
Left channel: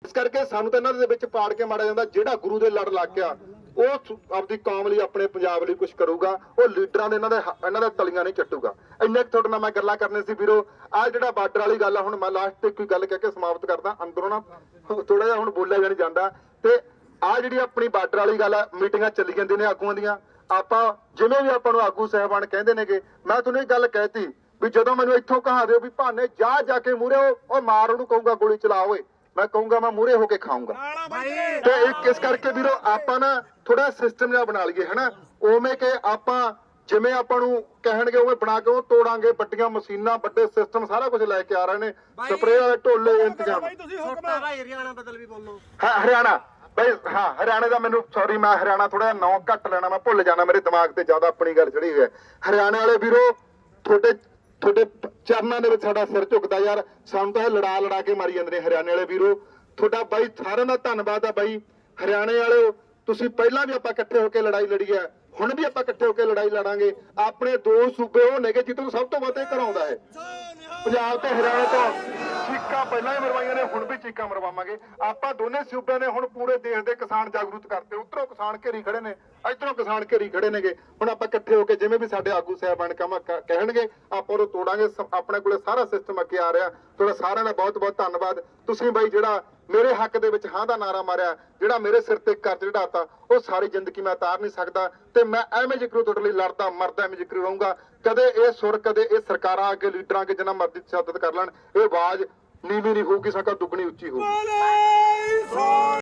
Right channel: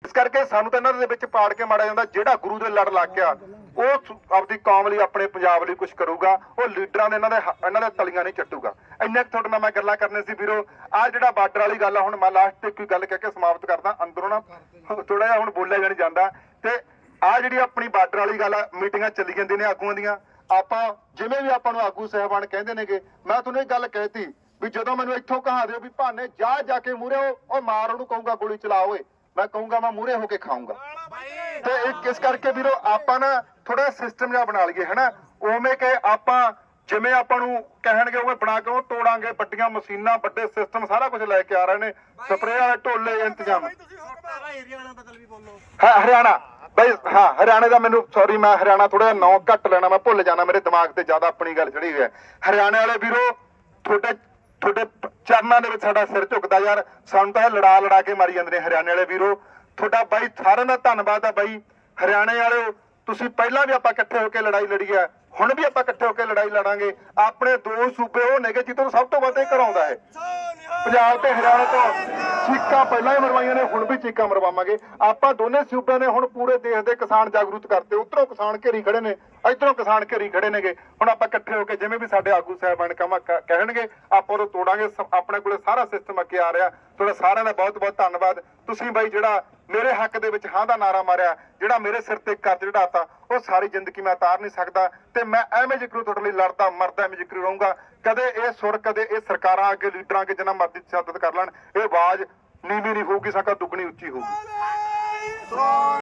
[SPEAKER 1] ਇਸ ਕਰਕੇ ਸਾਨੂੰ ਤਾਂ ਇਹਨਾਂ ਦੇ ਵਿੱਚ ਪਾੜ ਕੇ ਮਾਰਿਆ ਜਾਂਦਾ ਜਿਹੜਾ ਗੁਰੂ ਦੇ ਲੜ ਲੱਗ ਗਿਆ ਉਹ ਆਪਦੀ ਕੌਮ ਲਈ ਆਪਣੇ ਪੰਜਾਬ ਲਈ ਕੁਝ ਕਰੂਗਾ ਉਹ ਲੀਡਰਾਂ ਦੇ ਇਹਨਾਂ ਦੇ ਇਹਨਾਂ ਦੇ ਤਲੀਆਂ ਨਹੀਂ ਚੱਟੂਗਾ ਇੰਨੇ ਕਿ ਤੁਹਾਡੇ ਨਾਲ ਮੈਂ ਗੱਲਾਂ ਕਰਨੇ ਸੀ ਵੀਰੋ ਆ ਜਿਹੜਾ ਬਾਰਡਰ ਵਾਲੀ ਗੱਲ ਆ ਹੁਣ ਮੈਂ ਲਾਸਟ ਤੇ ਕੋਈ ਗੱਲ ਕਹਿ ਕੇ ਸਮਾਪਤ ਕਰਦਾ ਅੰਦਰੋਂ ਨਾ ਥੋੜਾ ਜਿਹਾ ਹੁਣ ਬੋਲਿਆ ਜਾਣ ਜਾਂਦਾ ਤੇ ਆ ਜਿਹੜੀ ਆਪਣੀ ਬਾਰਡਰ ਵਾਲੀ ਗੱਲ ਆ ਮੀਟਿੰਗਾਂ ਚੱਲੀ ਜਾਂਦੀਆਂ ਨੇ ਆਗੂਆਂ ਦੀਆਂ ਆਪਾਂ ਜਿਵੇਂ ਵੀ ਆਪਾਂ ਨੂੰ ਆਗੂ ਸਹਿਬਾਨ ਕਹਿੰਦੇ ਨੇਗੇ ਮੈਂ ਤੁਹਾਨੂੰ ਇਹ ਗੱਲ ਕਹਿਤੀ ਵੀ ਜਦੋਂ ਮੈਨੂੰ ਇੱਥੋਂ ਕਹਾ ਦਿਓ ਵੀ ਭਾਨੇ ਜਾ ਜਾ ਕੇ ਮੂਰੇ ਉਹ ਮਾਰ ਉਹਨੂੰ ਕਹੂੰਗਾ ਗੋਲੀ ਚਲਾ ਓਏ ਮੈਂ ਕਹੂੰਗਾ ਮੈਂ ਮੂਰੇ ਹੋ ਕੇ ਖਾਊਂਗਾ ਤੇ ਇਸ ਕਰਕੇ ਵੀਰੋ ਆਪਾਂ ਨਾ ਥੋੜਾ ਸਿਸਟਮ ਜਿਹਾ ਬਣਾ ਲਈਏ ਹਨਾ ਉਵੇਂ ਕਿ ਆਪਾਂ ਜਿਵੇਂ ਆਪਾਂ ਨੂੰ ਕਹਿਣਗੇ ਉਵੇਂ ਬਣਾ ਕੇ ਉਹ ਤੋੜਾਂਗੇ ਵੱਡੀਆਂ ਮਸ਼ੀਨਾਂ ਵੱਡੇ ਸਿਸਟਮ ਸਾਰਾ ਕੁਝ ਲੈ ਕੇ ਆ ਰਹੇ ਨੇ ਸਪਰੇਅ ਵਾਲੇ ਢੋਲੇ ਇੰਤਜ਼ਾਮ ਹਰਿਆਣਾ ਬਈ ਹਾਂ ਹਰਿਆਣੇ ਦਾ ਮੈਨੂੰ ਸੌਰੀ ਮੈਂ ਹਰਿਆਣਾ ਥੋੜਾ ਨਾਂ ਘੱਟ ਲੈਣਾ ਮੈਂ ਭੁੱਲ ਜਾਣਾ ਮੇਰੇ ਦਿਮਾਗ ਤੇ ਜ਼ਿਆਦਾ ਆਪਣੀ ਗੱਲ ਚੜੀ ਹੋਈ ਹੈ ਹਰਿਆਣੇ ਵਾਲੇ ਵੀਰੋ ਤੁਹਾਡੇ ਤੁਹਾਡੇ ਚਰਨਾਂ ਦੇ ਵਿੱਚ ਸਾਡਾ ਸਿਰ ਝੁਕਦਾ ਯਾਰ ਸਾਨੂੰ ਤਾਂ ਲੜਾ ਲੜਾ ਕੇ ਮਾਰੀ ਜਾਂਦੇ ਨੇ ਹਰਿਆਣੇ ਵਾਲੇ ਵੀਰੋ ਤੁਹਾਡਾ ਬਾਈ ਸਾਰਿਆਂ ਦਾ ਧੰਨਵਾਦ ਆ ਬਾਈ ਹਰਿਆਣੇ ਵਾਲਿਓ ਤੁਸੀਂ ਪਹਿਲਾਂ ਵੀ ਆਪਾਂ ਇਕੱਠੇ ਹੋ ਕੇ ਲੜਾਈ ਲੜੀ ਹੈ ਹੁਣ ਵੀ ਆਪਾਂ ਇਕੱਠੇ ਹੋ ਕੇ ਲੜਾਈ ਲੜਾਂਗੇ ਆਪਣੇ ਦੋ ਸੂਬੇ ਉਹ ਨੇਗੇ ਜਿੱਦੋਂ ਸਭ ਤੋਂ ਵੱਧ ਇਹ ਕਰਾਉਂਦਾ ਹੈ ਪੰਜਾਬ ਤੇ ਹਰਿਆਣਾ ਤੋਂ ਚੀਕਾਂ ਪਹਿਲਾਂ ਹੀ ਮਰਵਾਈਆਂ ਨੇ ਹੁਣ ਵੀ ਚੀਕਾਂ ਮਰਵਾਵਾਂਗੇ ਆਪਾਂ ਦੋਨੇ ਸੂਬਿਆਂ ਨੇ ਹੁਣ ਪੂਰੇ ਦੇਸ਼ ਦੇ ਕਿਸਾਨ ਜਾਗਰੂਕ ਕਰਤੇ ਉਧਰੋਂ ਕਿਸਾਨ ਘੇਰੀ ਖੜੇ ਨੇ ਇਧਰੋਂ ਕਿਸਾਨ ਘੇਰੀ ਖੜੇ ਨੇਗੇ ਹੁਣ ਆਪਾਂ ਇਕੱਠੇ ਹੋ ਕੇ ਜਿਵੇਂ ਵੀ ਸਾਡੇ ਆਗੂ ਸਾਹਿਬਾਨ ਕਹਿਣਗੇ ਆਪਾਂ ਉਹ ਤੋੜਾਂਗੇ ਆਪਣੇ ਕੋਲੇ ਸਾਰਾ ਸਿਸਟਮ ਅੱਗੇ ਆ ਰਿਹਾ ਤੁਹਾਡਾ ਸਾਰਿਆਂ ਦਾ ਬਹੁਤ ਬਹੁਤ ਧੰਨਵਾਦ ਤੁਸੀਂ ਬਾਈ ਜਿਹੜਾ ਮੇਰੇ ਹੱਕ ਦੇ ਵਿੱਚ ਹਾਂ ਦਾ ਨਾਰਾ ਮਾਰਿਆ ਜਿਹੜਾ ਮੇਰੇ ਸਿਰ ਤੇ ਕਰਜ਼ ਚੜਾਤਾ ਉਹ ਸਾਰੀ ਜ਼ਿੰਦਗੀ ਮੈਂ ਉਤਾਰ ਨਹੀਂ ਸਕਦਾ ਤੇ ਮੈਂ ਐਵੇਂ ਜਿਕਰੂ ਤੁਹਾਡੇ ਲਈ ਲੜਦਾ ਮਰਦਾ ਐਵੇਂ ਜਿਕਰੂ ਰਹੂੰਗਾ ਕਦੇ ਇਹ ਸੁਰ ਕਦੇ ਇਹ ਸਰਕਾਰਾਂ ਅੱਗੇ ਲੀਡਰਾਂ ਅੱਗੇ ਜਿੰਨਾ ਮਰਜ਼ੀ ਤਸ਼ੱਦਦ ਕਰ ਲੈਣ ਇਹ ਆਵਾਜ਼ ਨੀਵੀਂ ਨਹੀਂ ਹੋਊਗੀ ਸਾਕਾ ਦੁੱਗਣੀ ਉੱਚੀ ਹੋਊਗੀ